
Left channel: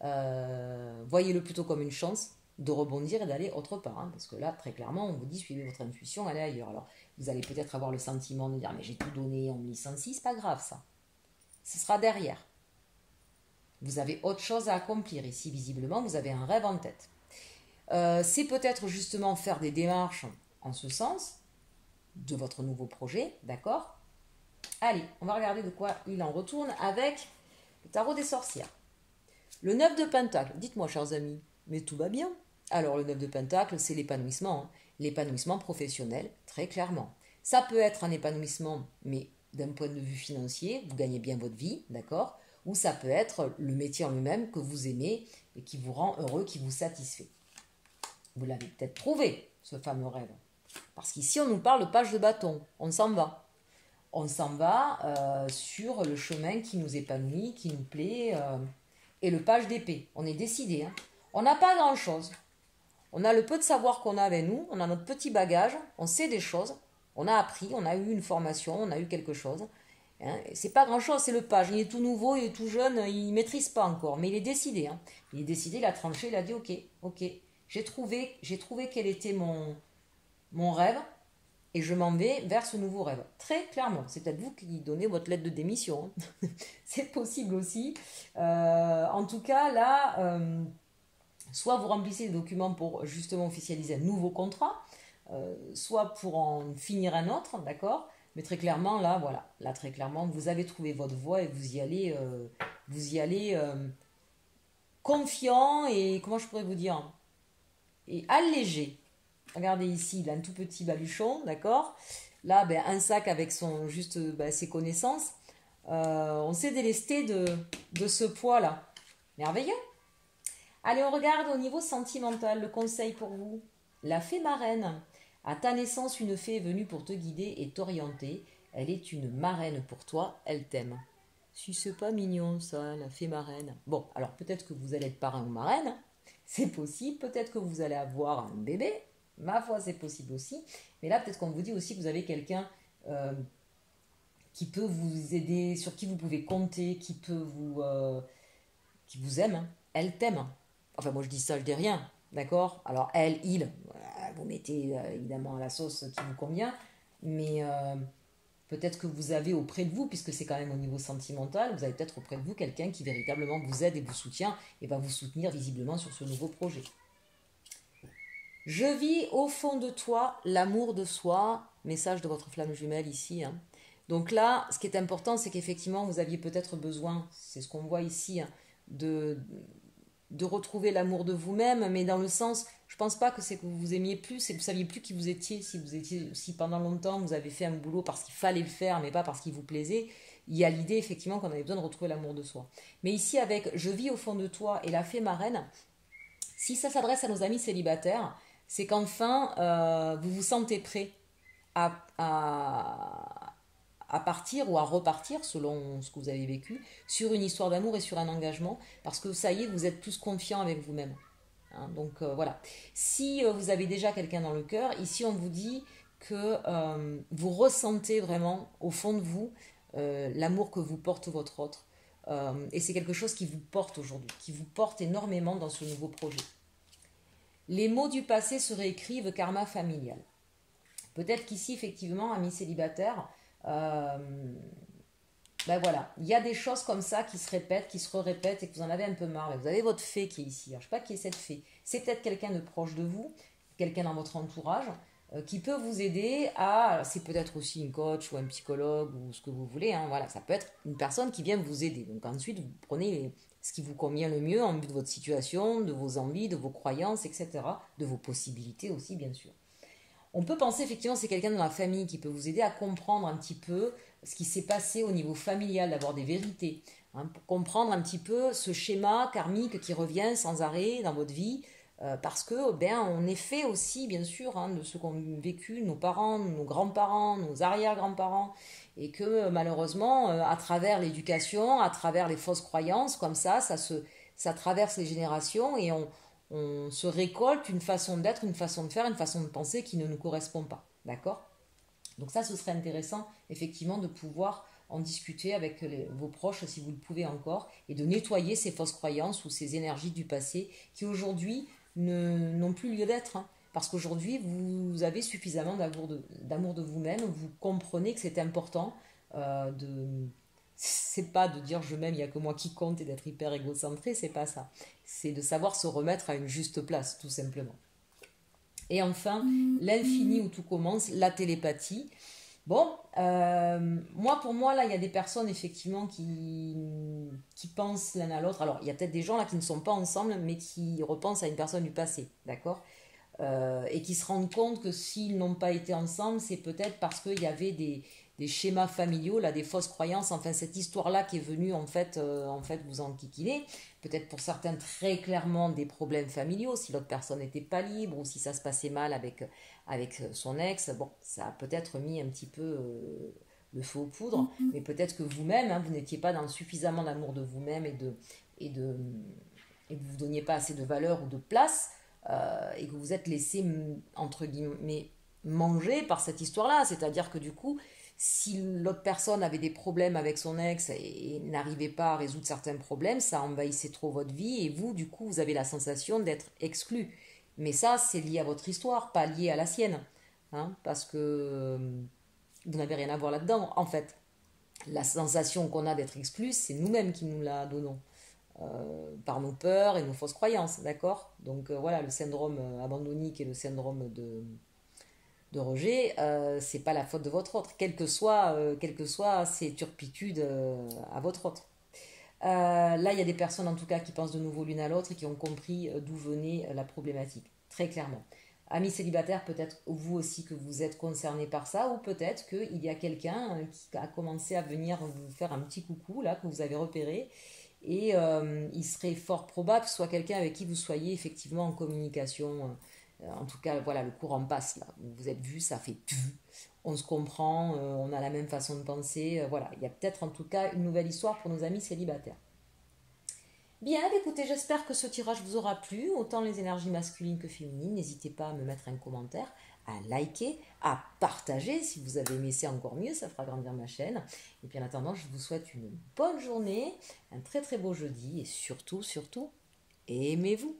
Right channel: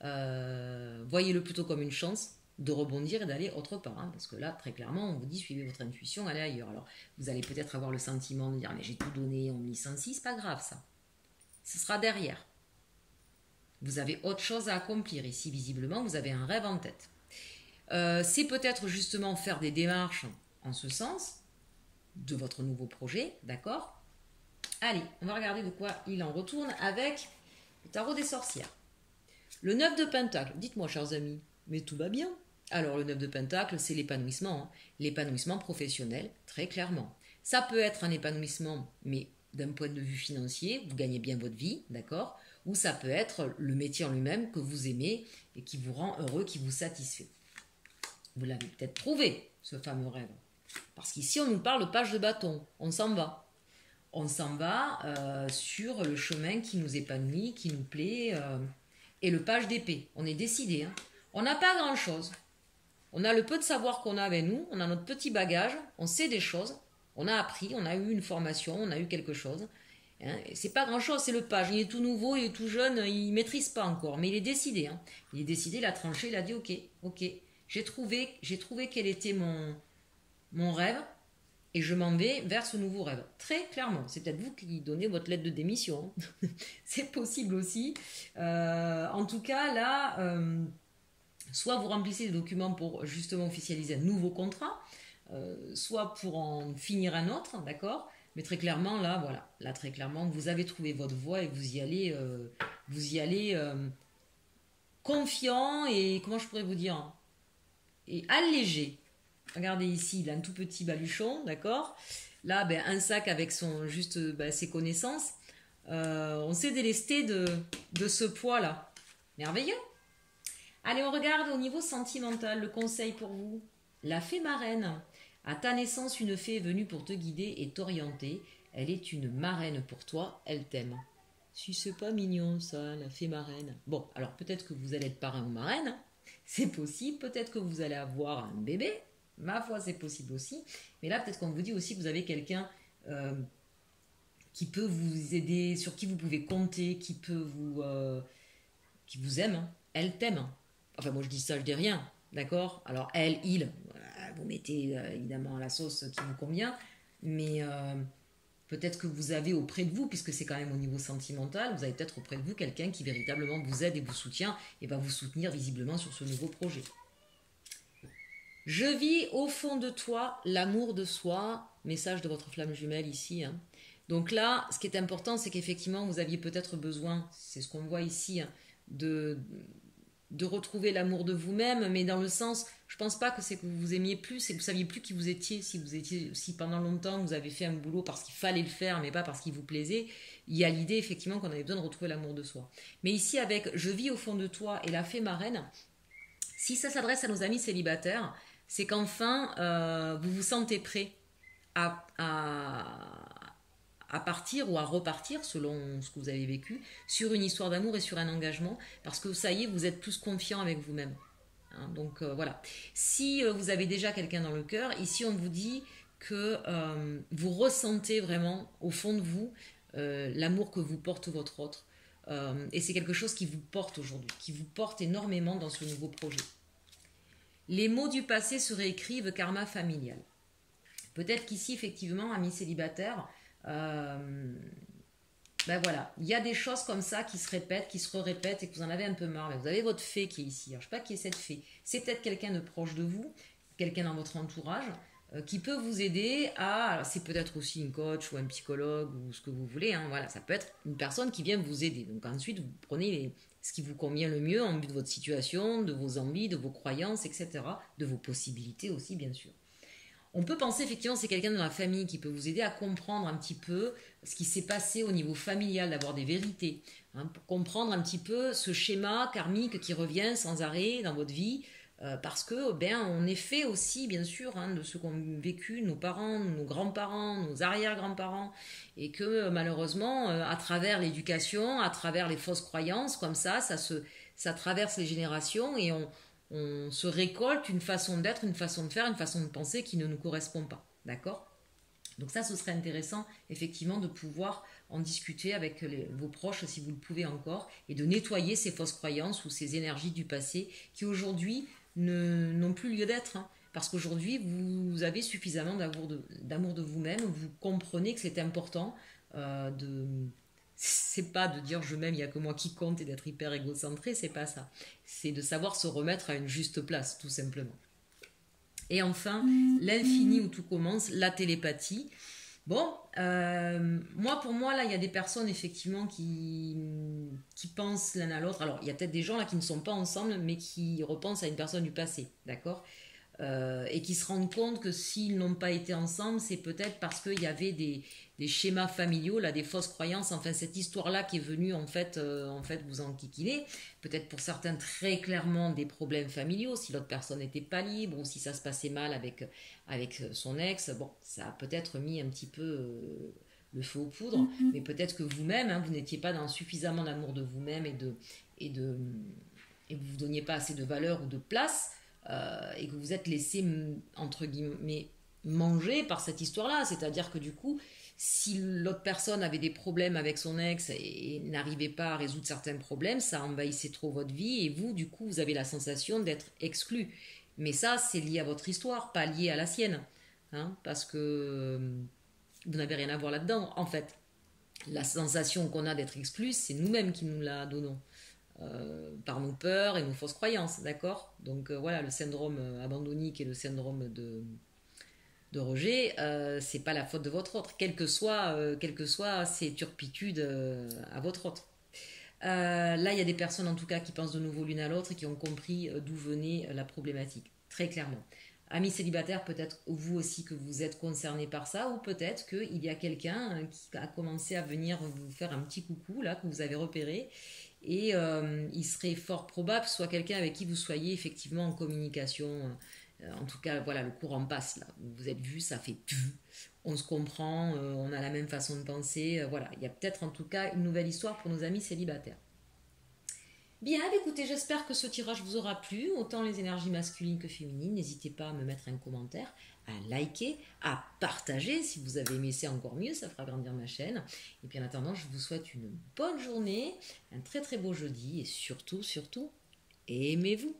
Voyez-le plutôt comme une chance de rebondir et d'aller autre part. Hein, parce que là, très clairement, on vous dit suivez votre intuition, allez ailleurs. Alors, vous allez peut-être avoir le sentiment de dire mais j'ai tout donné, on me licencie, c'est pas grave ça. Ce sera derrière. Vous avez autre chose à accomplir. Ici, visiblement, vous avez un rêve en tête. C'est peut-être justement faire des démarches en ce sens de votre nouveau projet, d'accord. Allez, on va regarder de quoi il en retourne avec le tarot des sorcières. Le 9 de Pentacle. Dites-moi, chers amis, mais tout va bien. Alors, le 9 de Pentacle, c'est l'épanouissement. Hein. L'épanouissement professionnel, très clairement. Ça peut être un épanouissement, mais d'un point de vue financier, vous gagnez bien votre vie, d'accord? Ou ça peut être le métier en lui-même que vous aimez et qui vous rend heureux, qui vous satisfait. Vous l'avez peut-être trouvé, ce fameux rêve. Parce qu'ici, on nous parle de page de bâton. On s'en va. On s'en va sur le chemin qui nous épanouit, qui nous plaît. Et le page d'épée, on est décidé. Hein. On n'a pas grand-chose. On a le peu de savoir qu'on a avec nous, on a notre petit bagage, on sait des choses, on a appris, on a eu une formation, on a eu quelque chose. Hein. C'est pas grand-chose, c'est le page. Il est tout nouveau, il est tout jeune, il maîtrise pas encore, mais il est décidé. Hein. Il est décidé, il a tranché, il a dit ok, j'ai trouvé quel était mon rêve et je m'en vais vers ce nouveau rêve. Très clairement, c'est peut-être vous qui donnez votre lettre de démission. Hein. C'est possible aussi. En tout cas, là, soit vous remplissez les documents pour justement officialiser un nouveau contrat, soit pour en finir un autre, d'accord. Mais très clairement, là, voilà, là très clairement, vous avez trouvé votre voie et vous y allez confiant et comment je pourrais vous dire, et allégé. Regardez ici, il a un tout petit baluchon, d'accord. Là, ben, un sac avec ses connaissances. On s'est délesté de ce poids-là. Merveilleux. Allez, on regarde au niveau sentimental, le conseil pour vous. La fée marraine. À ta naissance, une fée est venue pour te guider et t'orienter. Elle est une marraine pour toi, elle t'aime. Si c'est pas mignon ça, la fée marraine. Bon, alors peut-être que vous allez être parrain ou marraine, c'est possible. Peut-être que vous allez avoir un bébé, ma foi c'est possible aussi. Mais là peut-être qu'on vous dit aussi que vous avez quelqu'un qui peut vous aider, sur qui vous pouvez compter, qui vous aime. Hein. Elle t'aime. Hein. Enfin moi je dis ça, je dis rien, d'accord. Alors elle, il, vous mettez évidemment la sauce qui vous convient, mais peut-être que vous avez auprès de vous, puisque c'est quand même au niveau sentimental, vous avez peut-être auprès de vous quelqu'un qui véritablement vous aide et vous soutient et va vous soutenir visiblement sur ce nouveau projet. Je vis au fond de toi l'amour de soi, message de votre flamme jumelle ici. Hein. Donc là, ce qui est important, c'est qu'effectivement, vous aviez peut-être besoin, c'est ce qu'on voit ici, hein, de retrouver l'amour de vous-même, mais dans le sens, je pense pas que c'est que vous vous aimiez plus, c'est que vous saviez plus qui vous étiez, si pendant longtemps vous avez fait un boulot parce qu'il fallait le faire, mais pas parce qu'il vous plaisait. Il y a l'idée effectivement qu'on avait besoin de retrouver l'amour de soi. Mais ici avec je vis au fond de toi et la fée marraine, si ça s'adresse à nos amis célibataires, c'est qu'enfin vous vous sentez prêt à partir ou à repartir, selon ce que vous avez vécu, sur une histoire d'amour et sur un engagement, parce que ça y est, vous êtes tous confiants avec vous-même. Hein, donc voilà. Si vous avez déjà quelqu'un dans le cœur, ici on vous dit que vous ressentez vraiment au fond de vous l'amour que vous porte votre autre. Et c'est quelque chose qui vous porte aujourd'hui, qui vous porte énormément dans ce nouveau projet. Les mots du passé se réécrivent, karma familial. Peut-être qu'ici, effectivement, amis célibataires, ben voilà, il y a des choses comme ça qui se répètent, qui se répètent et que vous en avez un peu marre. Vous avez votre fée qui est ici. Alors, je ne sais pas qui est cette fée. C'est peut-être quelqu'un de proche de vous, quelqu'un dans votre entourage qui peut vous aider à... Alors, c'est peut-être aussi une coach ou un psychologue ou ce que vous voulez. Hein, voilà, ça peut être une personne qui vient vous aider. Donc ensuite, vous prenez ce qui vous convient le mieux en vue de votre situation, de vos envies, de vos croyances, etc. De vos possibilités aussi, bien sûr. On peut penser effectivement que c'est quelqu'un dans la famille qui peut vous aider à comprendre un petit peu ce qui s'est passé au niveau familial, d'avoir des vérités, hein, pour comprendre un petit peu ce schéma karmique qui revient sans arrêt dans votre vie, parce que on est fait aussi bien sûr hein, de ce qu'ont vécu nos parents, nos grands-parents, nos arrière-grands-parents, et que malheureusement à travers l'éducation, à travers les fausses croyances, comme ça traverse les générations et on se récolte une façon d'être, une façon de faire, une façon de penser qui ne nous correspond pas. D'accord ? Donc ça, ce serait intéressant, effectivement, de pouvoir en discuter avec vos proches, si vous le pouvez encore, et de nettoyer ces fausses croyances ou ces énergies du passé qui, aujourd'hui, n'ont plus lieu d'être. Hein. Parce qu'aujourd'hui, vous avez suffisamment d'amour de vous-même, vous comprenez que c'est important c'est pas de dire je m'aime, il n'y a que moi qui compte et d'être hyper égocentré, c'est pas ça. C'est de savoir se remettre à une juste place, tout simplement. Et enfin, l'infini où tout commence, la télépathie. Bon, pour moi, là, il y a des personnes, effectivement, qui pensent l'un à l'autre. Alors, il y a peut-être des gens, là, qui ne sont pas ensemble, mais qui repensent à une personne du passé, d'accord ? Et qui se rendent compte que s'ils n'ont pas été ensemble, c'est peut-être parce qu'il y avait des schémas familiaux, là, des fausses croyances, enfin cette histoire-là qui est venue en fait vous enquiquiner, peut-être pour certains très clairement des problèmes familiaux, si l'autre personne n'était pas libre ou si ça se passait mal avec son ex, bon, ça a peut-être mis un petit peu le feu aux poudres, mais peut-être que vous-même, hein, vous n'étiez pas dans suffisamment d'amour de vous-même et que vous ne donniez pas assez de valeur ou de place, et que vous êtes laissé, entre guillemets, manger par cette histoire-là. C'est-à-dire que du coup, si l'autre personne avait des problèmes avec son ex et n'arrivait pas à résoudre certains problèmes, ça envahissait trop votre vie et vous, du coup, vous avez la sensation d'être exclu. Mais ça, c'est lié à votre histoire, pas lié à la sienne. Hein, parce que vous n'avez rien à voir là-dedans. En fait, la sensation qu'on a d'être exclu, c'est nous-mêmes qui nous la donnons. Par nos peurs et nos fausses croyances, d'accord. Donc voilà, le syndrome abandonnique et le syndrome de rejet, c'est pas la faute de votre autre, quelles que soient ces turpitudes à votre autre. Là, il y a des personnes en tout cas qui pensent de nouveau l'une à l'autre et qui ont compris d'où venait la problématique, très clairement. Amis célibataires, peut-être vous aussi que vous êtes concernés par ça, ou peut-être qu'il y a quelqu'un qui a commencé à venir vous faire un petit coucou, là, que vous avez repéré, et il serait fort probable que ce soit quelqu'un avec qui vous soyez effectivement en communication. En tout cas, voilà, le courant passe là. Vous êtes vus, ça fait on se comprend, on a la même façon de penser. Voilà, il y a peut-être en tout cas une nouvelle histoire pour nos amis célibataires. Bien, écoutez, j'espère que ce tirage vous aura plu, autant les énergies masculines que féminines. N'hésitez pas à me mettre un commentaire, à liker, à partager. Si vous avez aimé, c'est encore mieux, ça fera grandir ma chaîne. Et puis en attendant, je vous souhaite une bonne journée, un très très beau jeudi et surtout, surtout, aimez-vous.